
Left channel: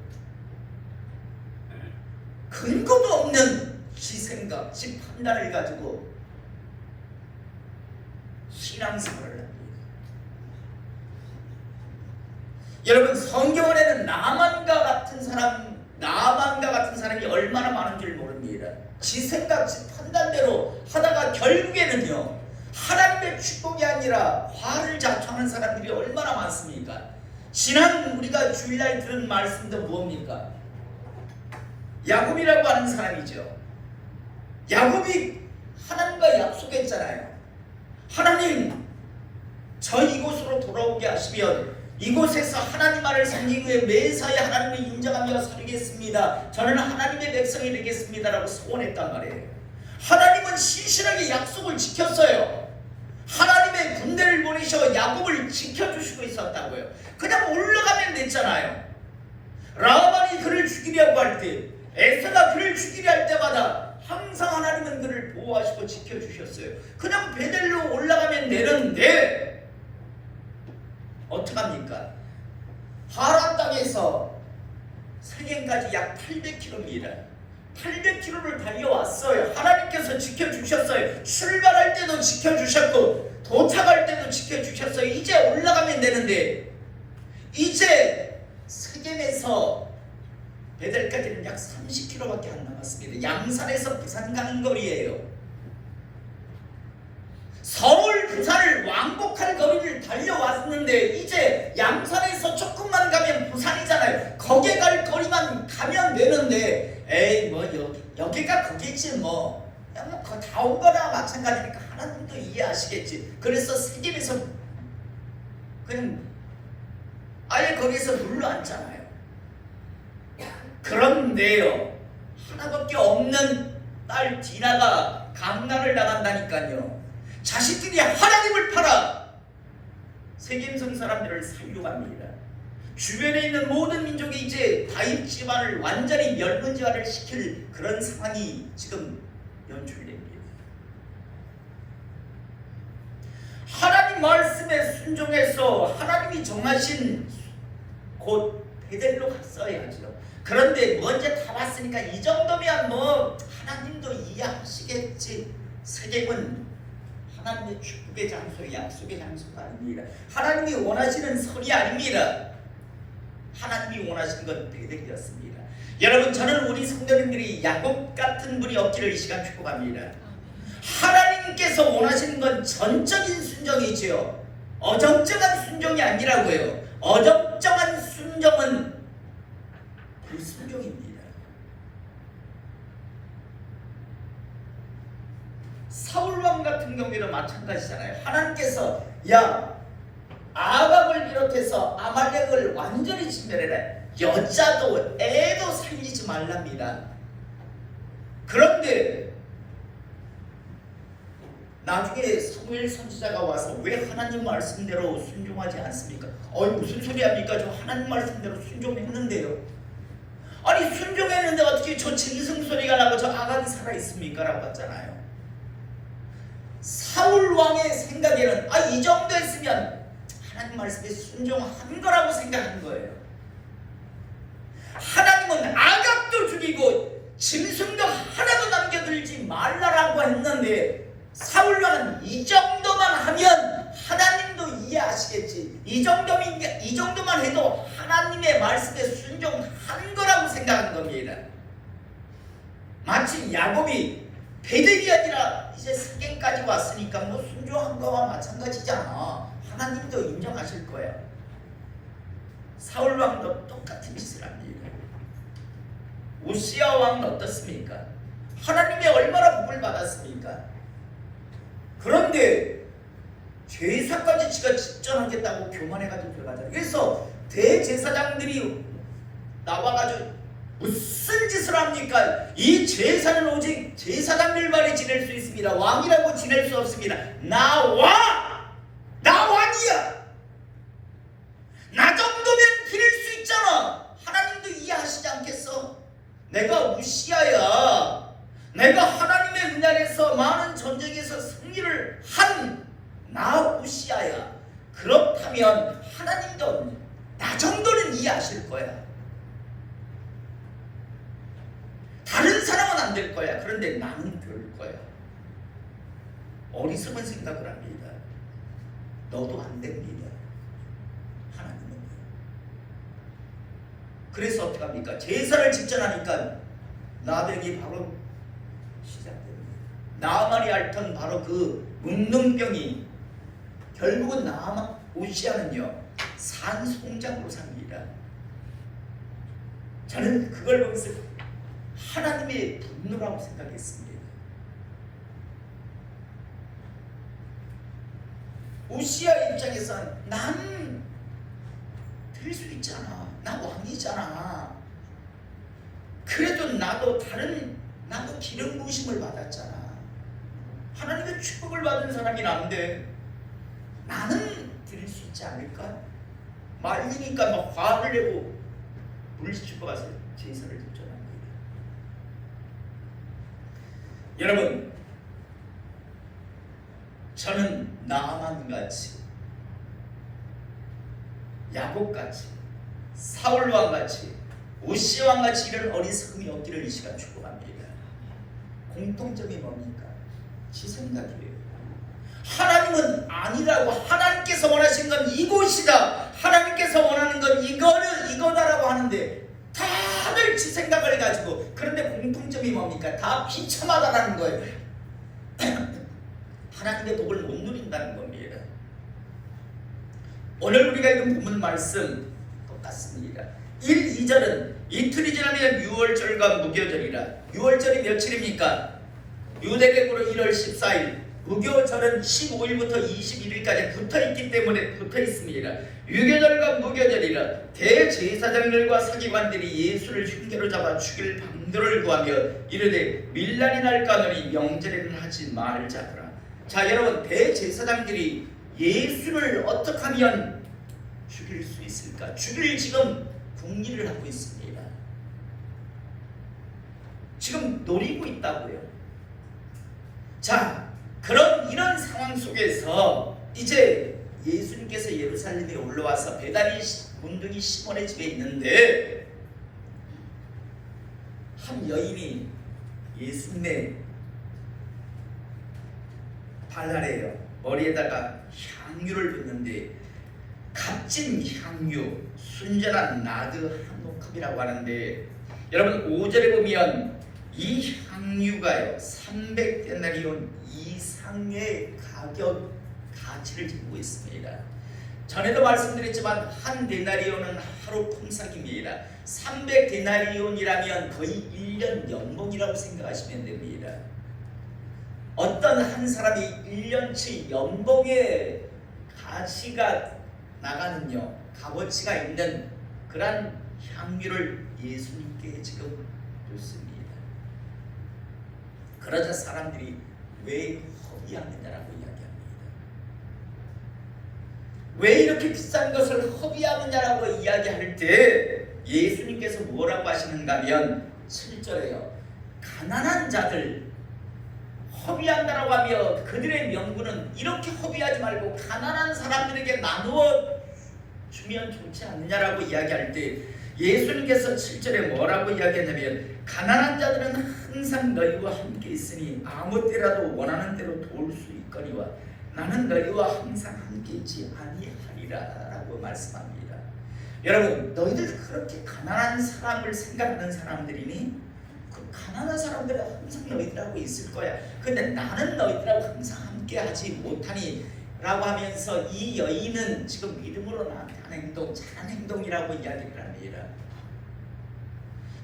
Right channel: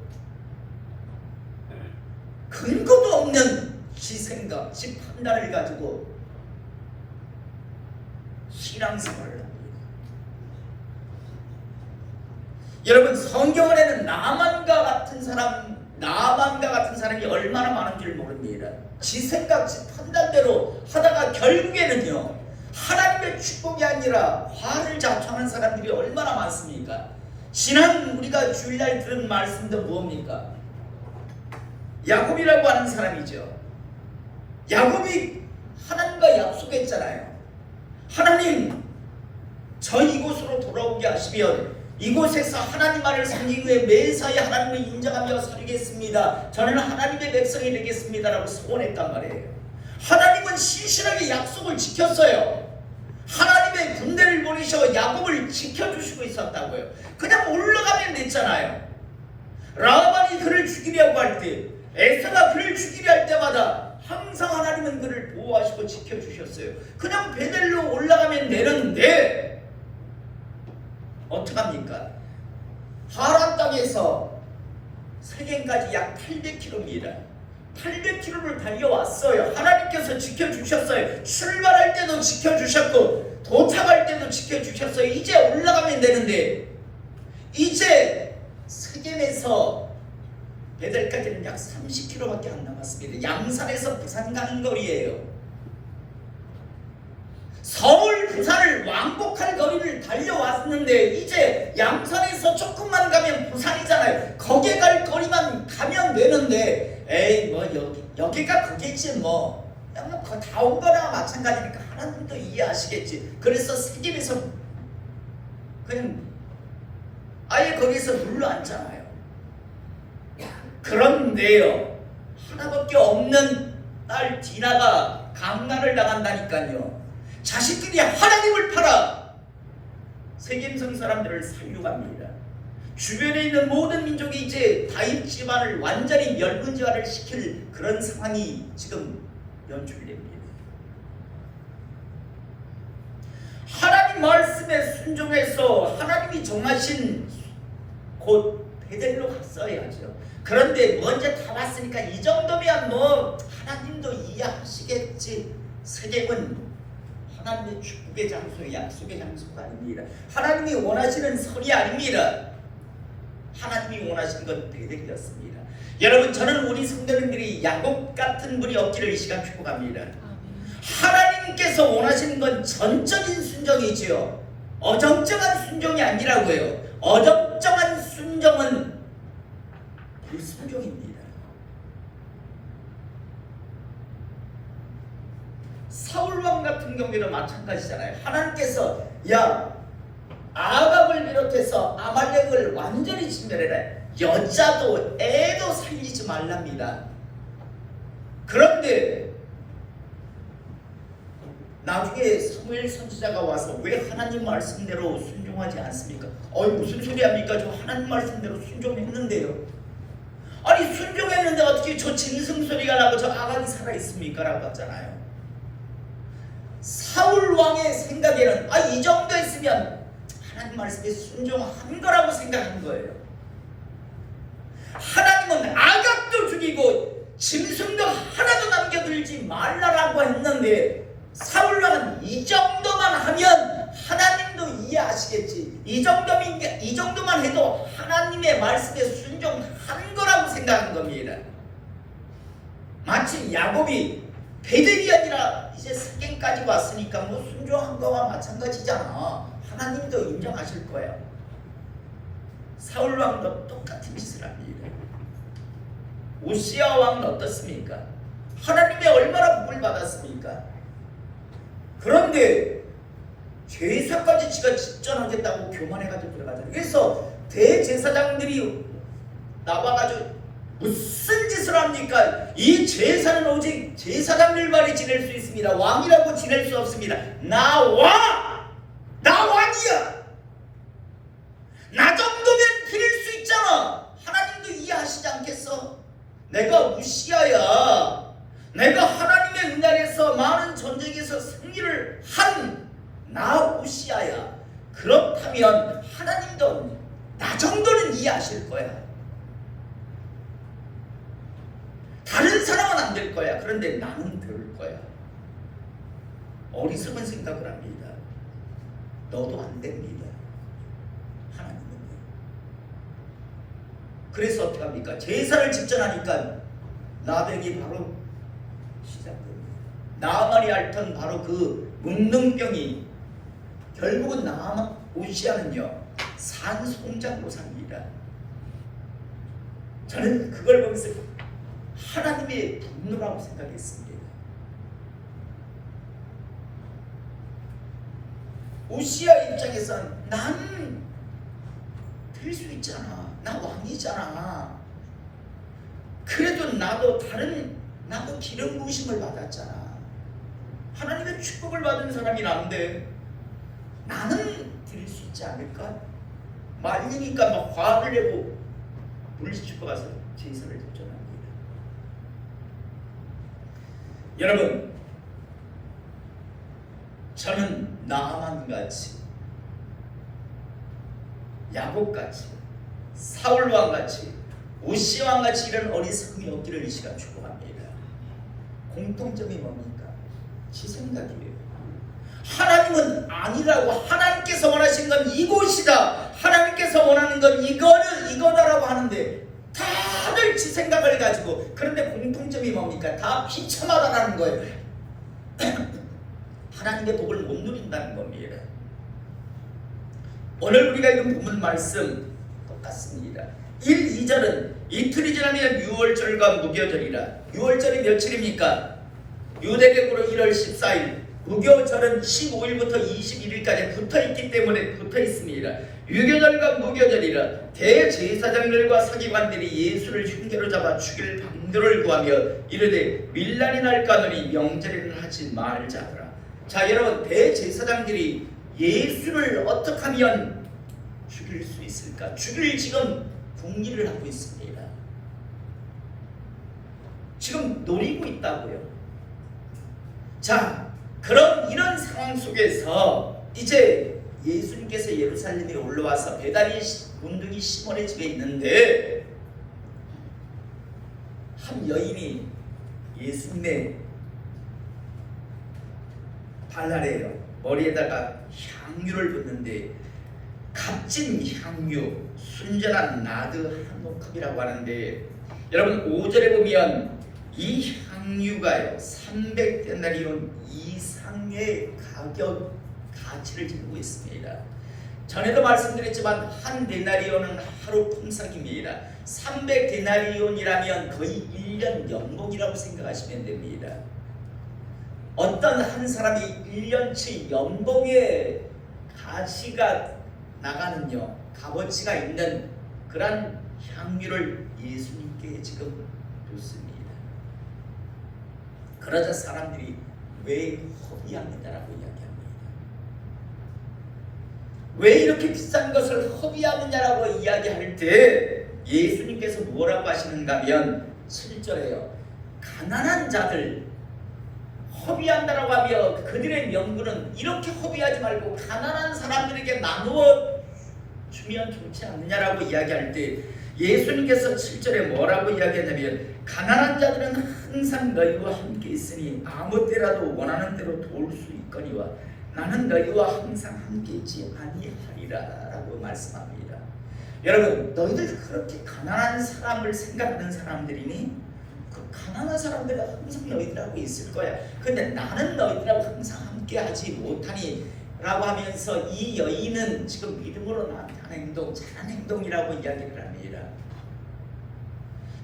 근거도 없는 지 생각, 지 판단을 가지고 신앙생활을 합니다. 여러분, 성경 안에는 나만과 같은 사람이 얼마나 많은 줄 모릅니다. 지 생각, 지 판단대로 하다가 결국에는요, 하나님의 축복이 아니라 화를 자초하는 사람들이 얼마나 많습니까? 지난 우리가 주일날 들은 말씀도 뭡니까? 야곱이라고 하는 사람이죠. 야곱이 하나님과 약속했잖아요. 하나님, 저 이곳으로 돌아오게 하시면 이곳에서 하나님 말을 섬기기 위해 매사에 하나님을 인정하며 살겠습니다. 저는 하나님의 백성이 되겠습니다라고 소원했단 말이에요. 하나님은 신실하게 약속을 지켰어요. 하나님의 군대를 보내셔 야곱을 지켜주시고 있었다고요. 그냥 올라가면 됐잖아요. 라반이 그를 죽이려고 할 때, 에사가 그를 죽이려 할 때마다 항상 하나님은 그를 보호하시고 지켜주셨어요. 그냥 베델로 올라가면 되는데 어떡합니까? 하란 땅에서 세겜까지 약 800km입니다. 800km를 달려왔어요. 하나님께서 지켜주셨어요. 출발할 때도 지켜주셨고 도착할 때도 지켜주셨어요. 이제 올라가면 되는데 이제 세겜에서 베델까지는 약 30km밖에 안 남았습니다. 양산에서 부산 가는 거리예요. 서울, 부산을 왕복할 거리를 달려왔는데 이제 양산에서 조금만 가면 부산이잖아요. 거기 갈 거리만 가면 되는데 에이 뭐 여기가 거기지 뭐. 다 온 거나 마찬가지니까 하나님도 이해하시겠지. 그래서 세겜에서 그냥 아예 거기서 눌러앉잖아요. 그런데요, 하나밖에 없는 딸 디나가 강난을 당한다니까요. 자식들이 하나님을 팔아 세겜성 사람들을 살려고 합니다. 주변에 있는 모든 민족이 이제 다윗 집안을 완전히 멸문지화를 시킬 그런 상황이 지금 연출됩니다. 하나님 말씀에 순종해서 하나님이 정하신 곳 베델로 갔어야죠. 그런데 먼저 다 왔으니까 이 정도면 뭐 하나님도 이해하시겠지. 세겜은 하나님의 축복의 장소, 약속의 장소가 아닙니다. 하나님이 원하시는 선이 아닙니다. 하나님이 원하시는 건 베델이었습니다. 여러분, 저는 우리 성도님들이 야곱 같은 분이 없기를 이 시간 축복합니다. 하나님께서 원하시는 건 전적인 순종이지요. 어정쩡한 순종이 아니라고요. 어정쩡한 순종은 불순종입니다. 사울왕 같은 경우에도 마찬가지잖아요. 하나님께서 야 아합을 비롯해서 아말렉을 완전히 진멸해라. 여자도 애도 살리지 말랍니다. 그런데 나중에 사무엘 선지자가 와서 왜 하나님 말씀대로 순종하지 않습니까? 무슨 소리 합니까? 저 하나님 말씀대로 순종했는데요. 아니 순종했는데 어떻게 저 짐승 소리가 나고 저 아간이 살아있습니까? 라고 했잖아요. 사울 왕의 생각에는 이 정도 했으면 하나님 말씀에 순종한 거라고 생각한 거예요. 하나님은 아각도 죽이고 짐승도 하나도 남겨들지 말라라고 했는데 사울 왕은 이 정도만 하면 하나님도 이해하시겠지. 이 정도만 해도 하나님의 말씀에 순종한 거라고 생각한 겁니다. 마치 야곱이 베델이 아니라 이제 세겜까지 왔으니까 뭐 순종한 거와 마찬가지잖아. 하나님도 인정하실 거야. 사울 왕도 똑같은 짓을 합니다. 우시야 왕은 어떻습니까? 하나님의 얼마나 복을 받았습니까? 그런데 제사까지 지가 집전하겠다고 교만해가지고 들어가잖아요. 그래서 대제사장들이 나와가지고 무슨 짓을 합니까? 이 제사는 오직 제사장 일만이 지낼 수 있습니다. 왕이라고 지낼 수 없습니다. 나와 그러면 하나님도 나 정도는 이해하실 거야. 다른 사람은 안 될 거야. 그런데 나는 될 거야. 어리석은 생각을 합니다. 너도 안 됩니다. 하나님은. 그래서 어떻게 합니까? 제사를 집전하니까 나병이 바로 시작됩니다. 나만이 앓던 바로 그 문둥병이 결국은 오시아는요 산송장으로 삽니다. 저는 그걸 보면서 하나님의 분노라고 생각했습니다. 오시아 입장에서는 난 될 수 있잖아. 나 왕이잖아. 그래도 나도 기름 부으심을 받았잖아. 하나님의 축복을 받은 사람이 난데 나는 드릴 수 있지 않을까? 말리니까 막 화를 내고 물리치고 가서 제사를 드렸답니다. 여러분, 저는 나만같이 야곱같이 사울왕같이 오시아왕같이 이런 어리석음이 없기를 이 시간 축복합니다. 공통점이 뭡니까? 지 생각이에요. 하나님은 아니라고. 하나님께서 원하신 건 이곳이다. 하나님께서 원하는 건 이거다라고 하는데 다들 지 생각을 가지고, 그런데 공통점이 뭡니까? 다 비참하다라는 거예요. 하나님의 복을 못 누린다는 겁니다. 오늘 우리가 읽은 본문 말씀 똑같습니다. 1, 2절은 이틀이 지나면 유월절과 무교절이라. 유월절이 며칠입니까? 유대계으로 1월 14일, 무교절은 15일부터 21일까지 붙어있기 때문에 붙어있습니다. 유교절과 무교절이라. 대제사장들과 서기관들이 예수를 흉계로 잡아 죽일 방도를 구하며 이르되 밀란이 날까느니 명절에는 하지 말자더라. 자, 여러분, 대제사장들이 예수를 어떻게 하면 죽일 수 있을까? 죽일 지금 궁리를 하고 있습니다. 지금 노리고 있다고요. 자, 이런 상황 속에서 이제 예수님께서 예루살렘에 올라와서 베다니 문둥이 시몬의 집에 있는데 한 여인이 예수님의 발날에요 머리에다가 향유를 붓는데 값진 향유, 순전한 나드 한 모금이라고 하는데, 여러분 5절에 보면 이 향유가요 300데나리온 이상의 가치를 지니고 있습니다. 전에도 말씀드렸지만 한 데나리온은 하루 품삯입니다. 300데나리온이라면 거의 1년 연봉이라고 생각하시면 됩니다. 어떤 한 사람이 1년치 연봉의 가치가 나가는요, 값어치가 있는 그런 향유를 예수님께 지금 줬습니다. 그러자 사람들이 왜 허비하느냐라고 이야기합니다. 왜 이렇게 비싼 것을 허비하느냐라고 이야기할 때 예수님께서 뭐라고 하시는가 하면 7절에요. 가난한 자들 허비한다라고 하며 그들의 명분은 이렇게 허비하지 말고 가난한 사람들에게 나누어 주면 좋지 않느냐라고 이야기할 때 예수님께서 7절에 뭐라고 이야기하냐면 가난한 자들은 항상 너희와 함께 있으니 아무 때라도 원하는 대로 도울 수 있거니와 나는 너희와 항상 함께 있지 아니하리라 라고 말씀합니다. 여러분, 너희들 그렇게 가난한 사람을 생각하는 사람들이니? 그 가난한 사람들은 항상 너희들하고 있을 거야. 근데 나는 너희들하고 항상 함께 하지 못하니 라고 하면서 이 여인은 지금 믿음으로 나한테 하는 행동, 잘한 행동이라고 이야기를 합니다.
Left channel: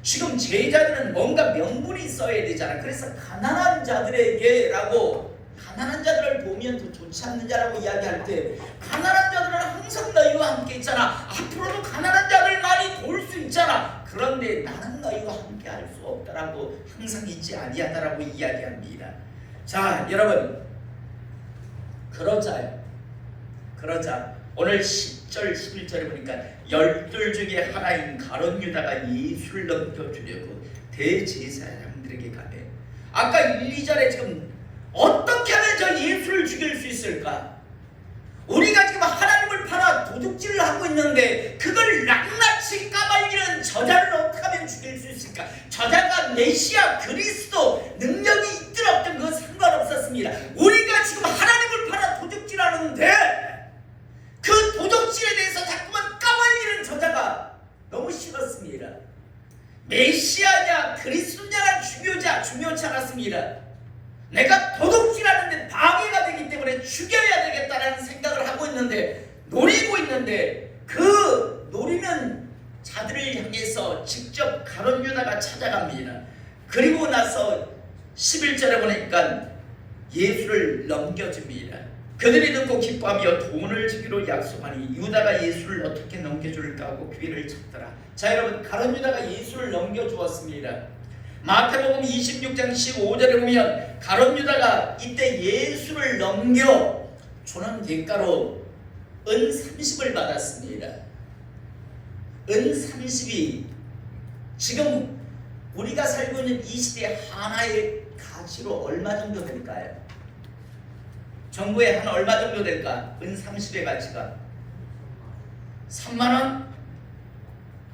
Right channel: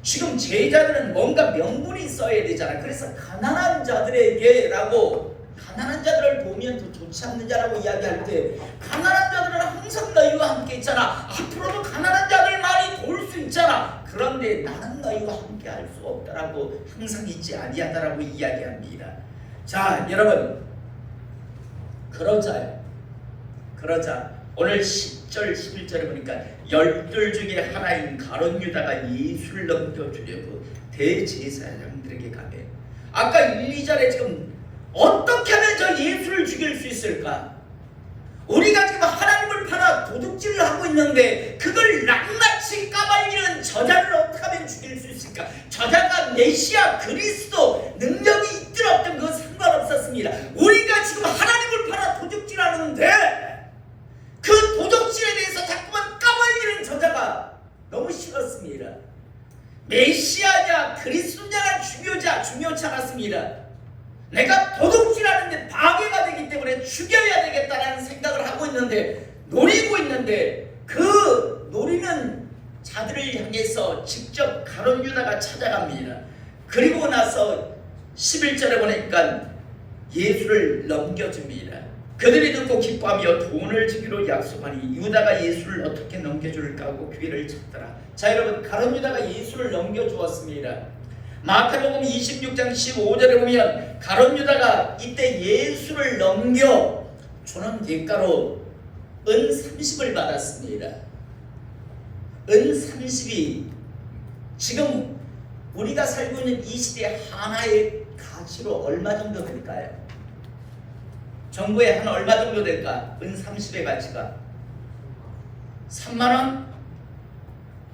지금 제자들은 뭔가 명분이 있어야 되잖아. 그래서 가난한 자들에게 라고, 가난한 자들을 보면 더 좋지 않느냐라고 이야기할 때 가난한 자들은 항상 너희와 함께 있잖아. 앞으로도 가난한 자들만이 도울 수 있잖아. 그런데 나는 너희와 함께 할 수 없다라고, 항상 있지 아니하다라고 이야기합니다. 자, 여러분, 그러자 오늘 10절 11절에 보니까 12 중에 하나인 가룟 유다가 예수를 넘겨주려고 대제사장들에게 가네. 아까 1, 2절에 지금 어떻게 하면 저 예수를 죽일 수 있을까? 우리가 지금 하나님을 팔아 도둑질을 하고 있는데 그걸 낱낱이 까발리는 저자를 어떻게 하면 죽일 수 있을까? 저자가 메시아 그리스도 능력이 있든 없든 그건 상관없었습니다. 우리가 지금 하나님을 팔아 도둑질하는데 그 도둑질에 대해서 자꾸만 까발리는 저자가 너무 싫었습니다. 메시아냐 그리스도냐가 중요치 않았습니다. 내가 도둑질하는데 방해가 되기 때문에 죽여야 되겠다라는 생각을 하고 있는데 노리고 있는데 그 노리는 자들을 향해서 직접 가룟 유다가 찾아갑니다. 그리고 나서 11절에 보니까 예수를 넘겨줍니다. 그들이 듣고 기뻐하며 돈을 주기로 약속하니 유다가 예수를 어떻게 넘겨줄까 하고 귀를 찾더라. 자 여러분, 가룟 유다가 예수를 넘겨주었습니다. 마태복음 26장 15절에 보면 가룟 유다가 이때 예수를 넘겨주는 대가로 은 30을 받았습니다. 은 30이 지금 우리가 살고 있는 이 시대 하나의 가치로 얼마 정도 될까요? 정부에 한 얼마 정도 될까? 은 30의 가치가 3만원?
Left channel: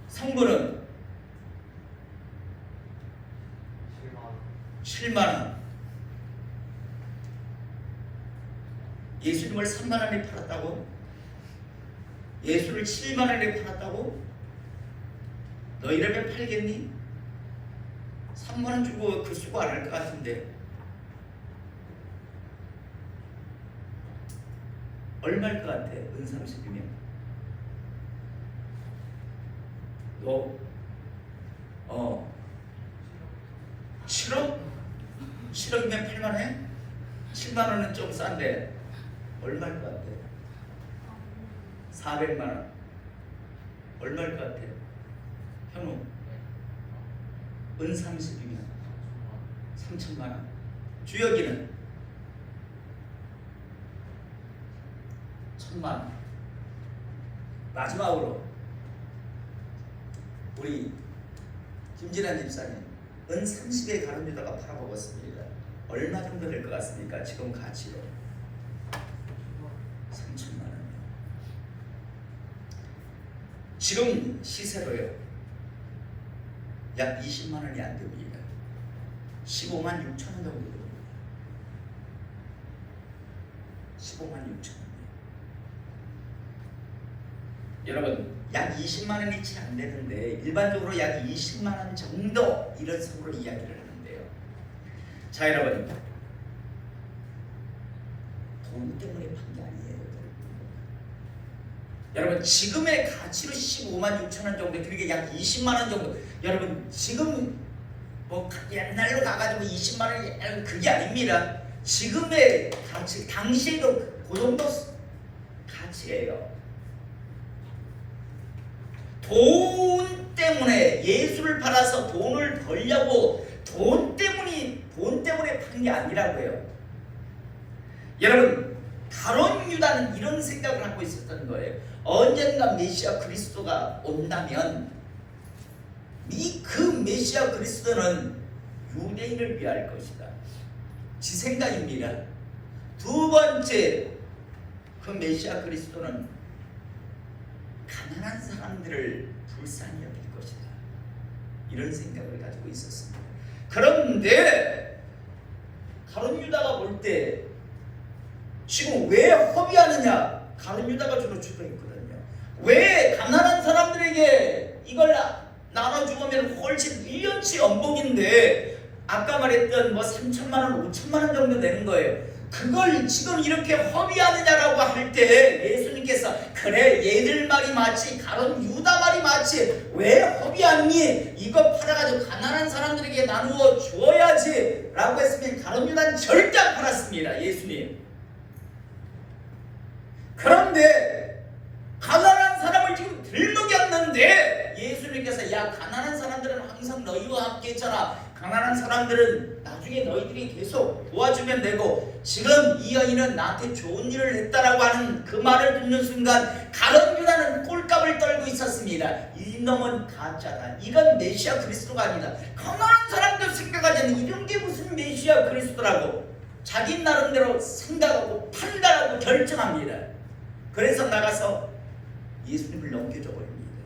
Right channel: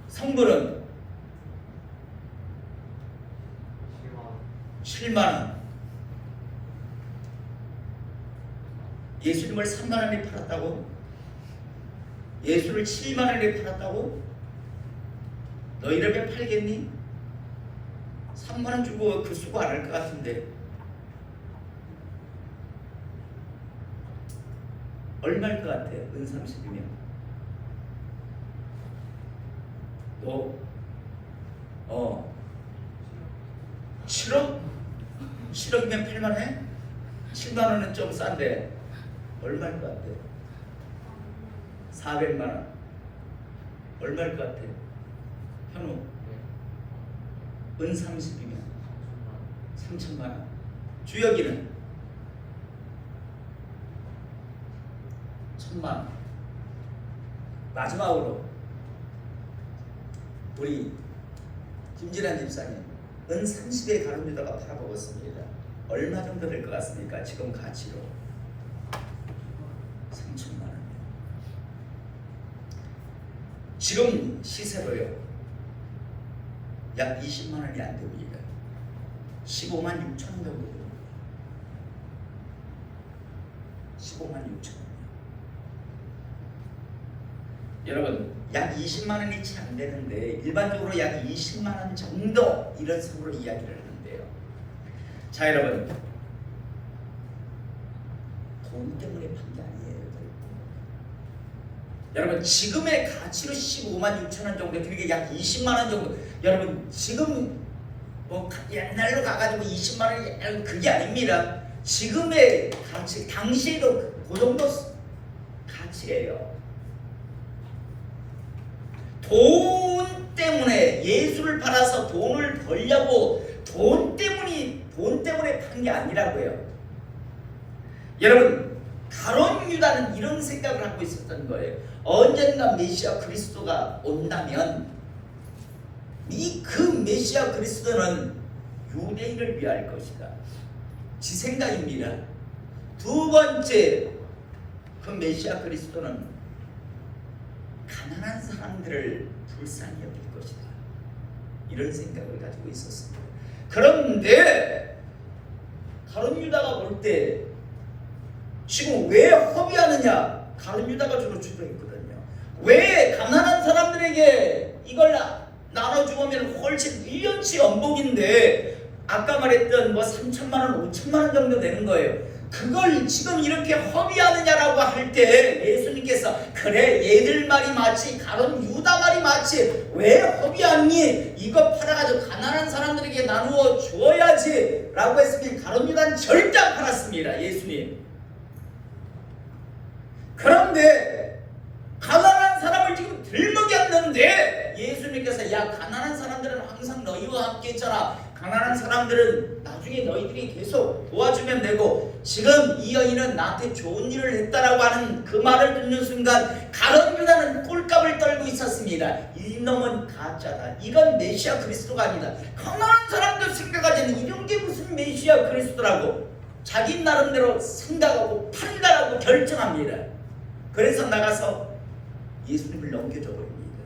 성분은 7만원. 예수님을 3만원에 팔았다고? 예수를 7만원에 팔았다고? 너 이러면 팔겠니? 3만원 주고 그 수고 안 할 것 같은데 얼마일 것 같아? 은 30이면 너 7억? 7억이면 8만원에? 7만원은 좀 싼데 얼마일 것 같아? 400만원 얼마일 것 같아? 현우 은 30이면 3천만원. 주혁이는 1,000만원. 마지막으로 우리 김진환 집사님 은 30에 가룟 유다가 팔아먹었습니다. 얼마 정도 될 것 같습니까? 지금 가치로 3천만원. 지금 시세로요 약 20만원이 안 됩니다. 15만 6천 원 정도 됩니다. 15만 6천 원. 여러분, 약 20만 원이 채 안 되는데 일반적으로 약 20만 원 정도 이런 선으로 이야기를 하는데요. 자 여러분, 돈 때문에 판 게 아니에요. 여러분, 지금의 가치로 15만 6천 원 정도, 그러니까 약 20만 원 정도. 여러분, 지금 뭐 옛날로 가가지고 20만 원이 그게 아닙니다. 지금의 가치, 당시에도 그 정도 가치예요. 돈 때문에 예수를 팔아서 돈을 벌려고 돈 때문에 판 게 아니라고요. 여러분, 가룟 유다는 이런 생각을 하고 있었던 거예요. 언젠가 메시아 그리스도가 온다면 그 메시아 그리스도는 유대인을 위할 것이다. 지 생각입니다. 두 번째, 그 메시아 그리스도는 가난한 사람들을 불쌍히 여길 것이다. 이런 생각을 가지고 있었습니다. 그런데 가룟 유다가 볼 때 지금 왜 허비하느냐? 가룟 유다가 주로 주도했거든요. 왜 가난한 사람들에게 이걸 나눠주면 훨씬 1년치 연봉인데 아까 말했던 뭐 3천만 원, 5천만 원 정도 되는 거예요. 그걸 지금 이렇게 허비하느냐라고 할 때 예수님께서 그래, 얘들 말이 맞지, 가룟 유다 말이 맞지, 왜 허비하니? 이거 팔아가지고 가난한 사람들에게 나누어 주어야지 라고 했으면 가룟 유다는 절대 안 팔았습니다. 예수님. 그런데 가난한 사람을 지금 들먹였는데 예수님께서 야, 가난한 사람들은 항상 너희와 함께 있잖아. 가난한 사람들은 나중에 너희들이 계속 도와주면 되고, 지금 이 여인은 나한테 좋은 일을 했다라고 하는 그 말을 듣는 순간 가룟 유다는 꼴값을 떨고 있었습니다. 이놈은 가짜다. 이건 메시아 그리스도가 아니다. 가난한 사람들 생각하자니 이런 게 무슨 메시아 그리스도라고 자기 나름대로 생각하고 판단하고 결정합니다. 그래서 나가서 예수님을 넘겨줘 버립니다.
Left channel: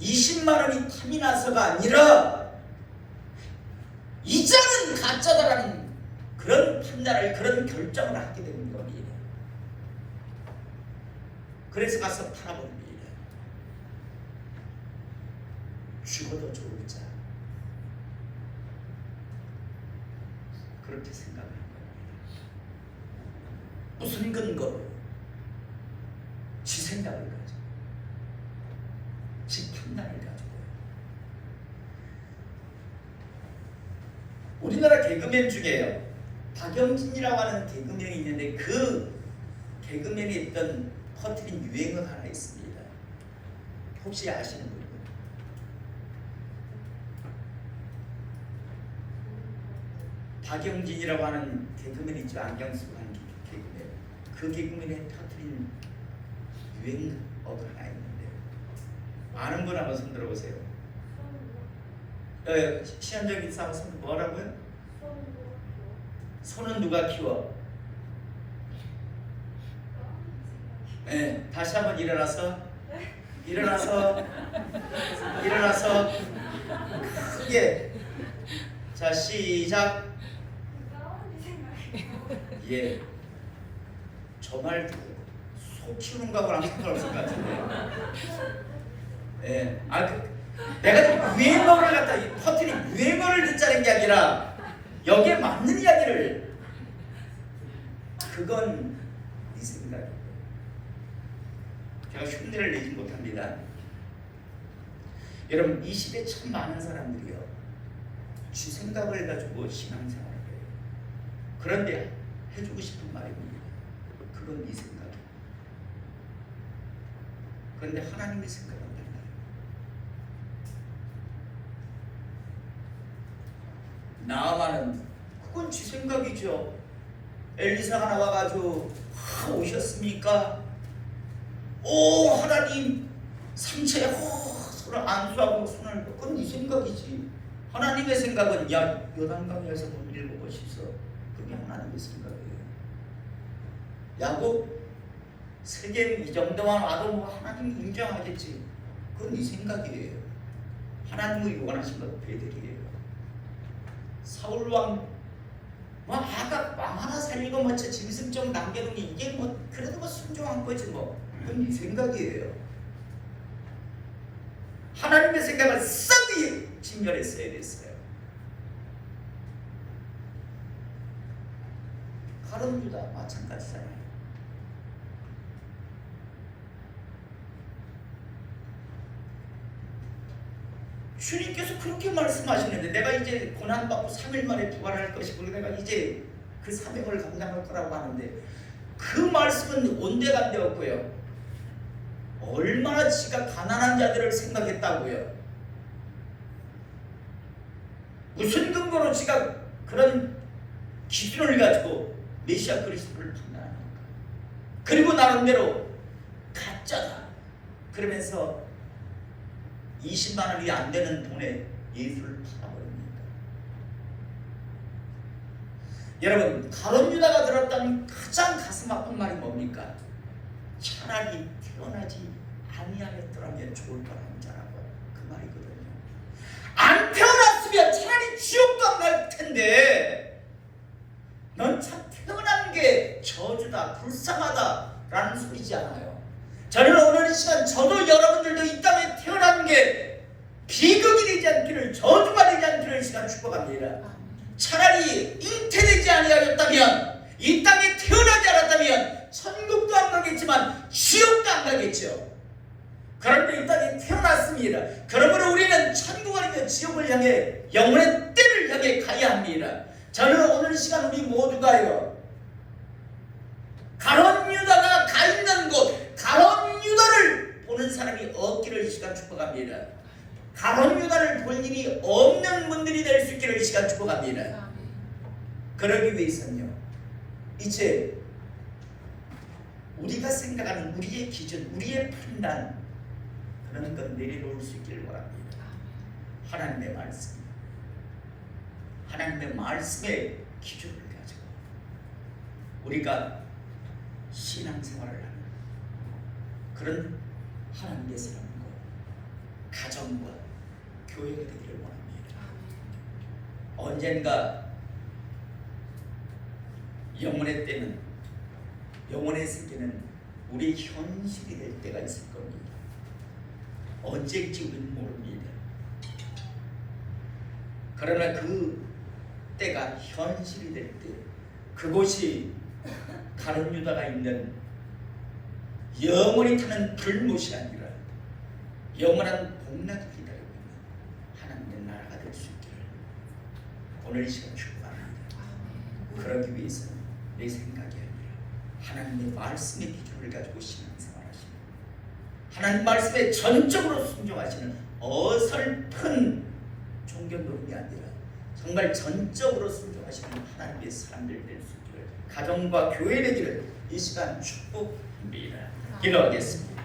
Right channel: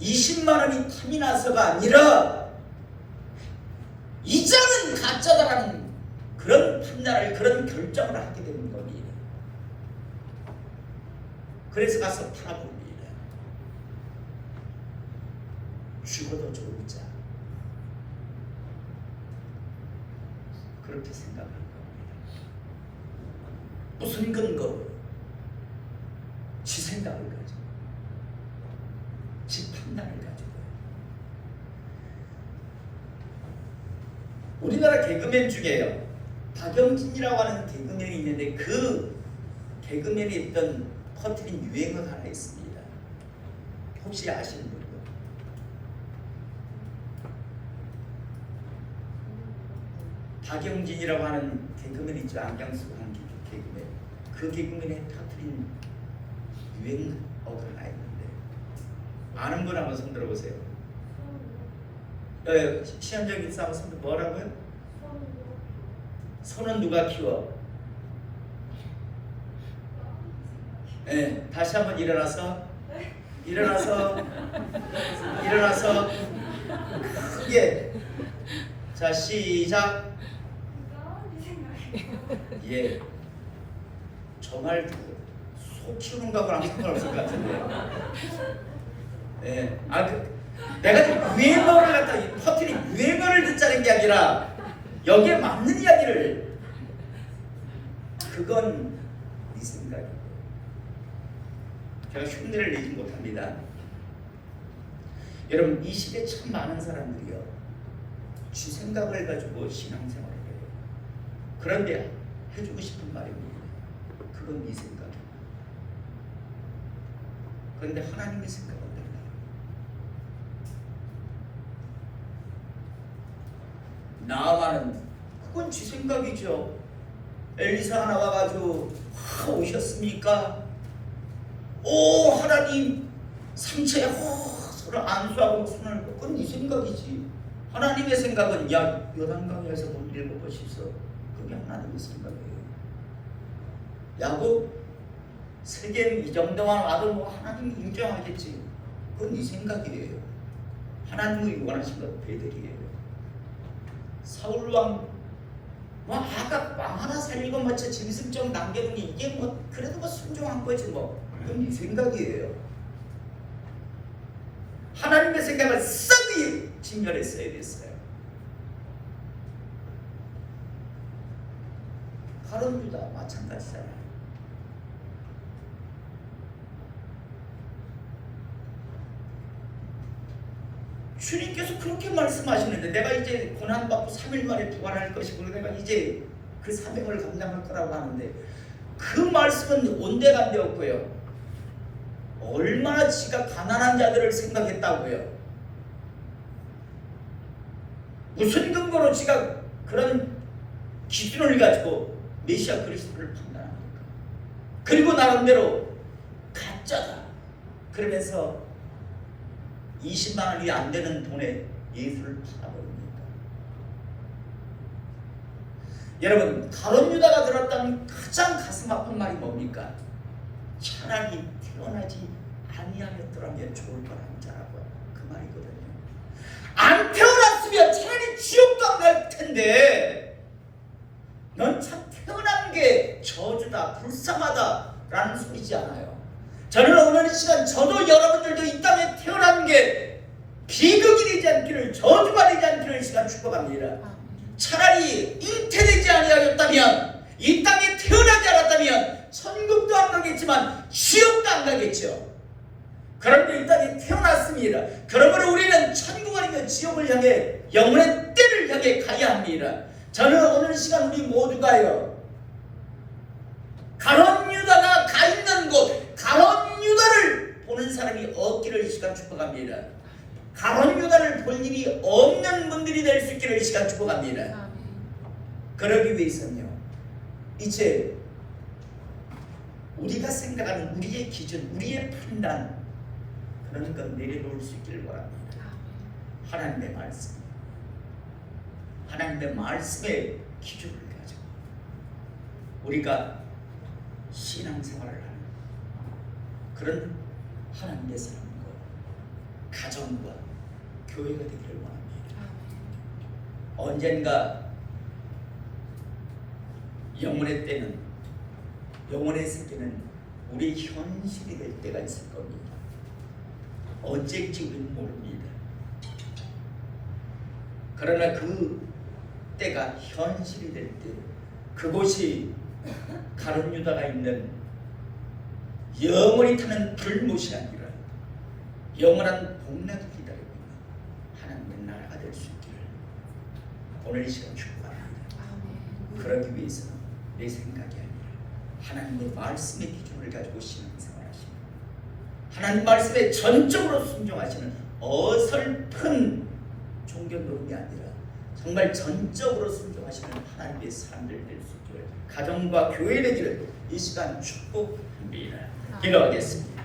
20만 원이 탐이 나서가 아니라 이 장은 가짜다라는 그런 판단을, 그런 결정을 하게 되는 겁니다. 그래서 가서 팔아봅니다. 죽어도 좋을 자, 그렇게 생각하는 겁니다. 무슨 근거로? 지 생각을 가지고, 지 판단을 가지고. 우리나라 개그맨 중에요, 박영진이라고 하는 개그맨이 있는데 그 개그맨이 있던 퍼뜨린 유행어가 하나 있습니다. 혹시 아시는 분이요? 박영진이라고 하는 개그맨 있죠. 안경 쓰고 하는 개그맨. 그 개그맨이 터뜨린 유행어가 하나 있는데 아는 분 한번 손 들어보세요. 시험적인 싸움 뭐라고요? 손은 누가 키워? 네, 다시 한번 일어나서 크게. 자, 시작. 예, 저 말 듣고 소 키우는 거하고는 상관없을 것 같은데. 예, 내가 유행어를 갖다 퍼뜨린 유행어를 듣자는 게 아니라 여기에 맞는 이야기를, 그건 네 생각이에요. 제가 흉내를 내지 못합니다. 여러분, 이 시대 참 많은 사람들이요, 지 생각을 가지고 신앙생활을 해요. 그런데 해주고 싶은 말입니다. 그건 네 생각이에요. 그런데 하나님의 생각은 달라요. 나아만은 그건 지 생각이죠. 엘리사가 나와가지고 오셨습니까? 오 하나님, 상처에 손을 안수하고 손을, 그건 네 생각이지. 하나님의 생각은 야 요단강에서 물 일곱 번 씻어. 그게 하나님의 생각이에요. 야곱 세겜 이 정도만 와도 뭐 하나님이 인정하겠지. 그건 네 생각이에요. 하나님이 원하신 건 베델이에요. 사울왕 뭐 아가 왕 하나 살리고 뭐 저 짐승 남겨두니 이게 뭐 그래도 뭐 순종한 거지 뭐. 그건 네 생각이에요. 하나님의 생각을 썩이 진멸했어야 됐어요. 가룟 유다 마찬가지잖아요. 주님께서 그렇게 말씀하시는데 내가 이제 고난받고 3일 만에 부활할 것이고 내가 이제 그 사명을 감당할 거라고 하는데 그 말씀은 온데간데 없고요. 얼마나 지가 가난한 자들을 생각했다고요. 무슨 근거로 지가 그런 기준을 가지고 메시아 그리스도를 판단합니까? 그리고 나름대로 가짜다 그러면서 20만 원이 안 되는 돈에 예수를 팔아버립니다. 여러분, 가룟 유다가 들었던 가장 가슴 아픈 말이 뭡니까? 차라리 태어나지 아니하였더라면 좋을 뻔한 자라고 그 말이거든요. 안 태어났으면 차라리 지옥도 안 갈 텐데 넌 참 태어난 게 저주다, 불쌍하다 라는 소리지 않아요. 저는 오늘 이 시간 저도 여러분들도 이 땅에 태어난 게 비극이 되지 않기를, 저주가 되지 않기를 이 시간 축복합니다. 차라리 잉태되지 아니하였다면, 이 땅에 태어나지 않았다면 천국도 안 가겠지만 지옥도 안 가겠죠. 그런데 이 땅에 태어났습니다. 그러므로 우리는 천국 아니면 지옥을 향해 영원의 때를 향해 가야 합니다. 저는 오늘 이 시간 우리 모두가요, 가룟 유다가 가 있는 곳, 가룟 유다를 보는 사람이 없기를 이 시간 축복합니다. 가룟 유다를 볼 일이 없는 분들이 될 수 있기를 이 시간 축복합니다. 그러기 위해서는요, 이제 우리가 생각하는 우리의 기준, 우리의 판단, 그런 건 내려놓을 수 있기를 바랍니다. 하나님의 말씀, 하나님의 말씀의 기준을 가지고 우리가 신앙생활을 하는, 그런 하나님의 사람과 가정과 교회가 되기를 원합니다. 언젠가 영혼의 때는, 영혼의 세계는 우리 현실이 될 때가 있을 겁니다. 언제일지 우리는 모릅니다. 그러나 그 때가 현실이 될 때, 그곳이 가룟 유다가 있는 영원히 타는 불못이 아니라 영원한 복락이 기다리고 있는 하나님의 나라가 될 수 있기를 오늘 이 시간 축복합니다. 그러기 위해서는 내 생각이 아니라 하나님의 말씀의 기준을 가지고 신앙생활하시는, 하나님 말씀에 전적으로 순종하시는 어설픈 종교 노름이 아니라 정말 전적으로 순종하시는 하나님의 사람들 될 수 있기를, 가정과 교회 되기를 이 시간 축복합니다. 기도하겠습니다.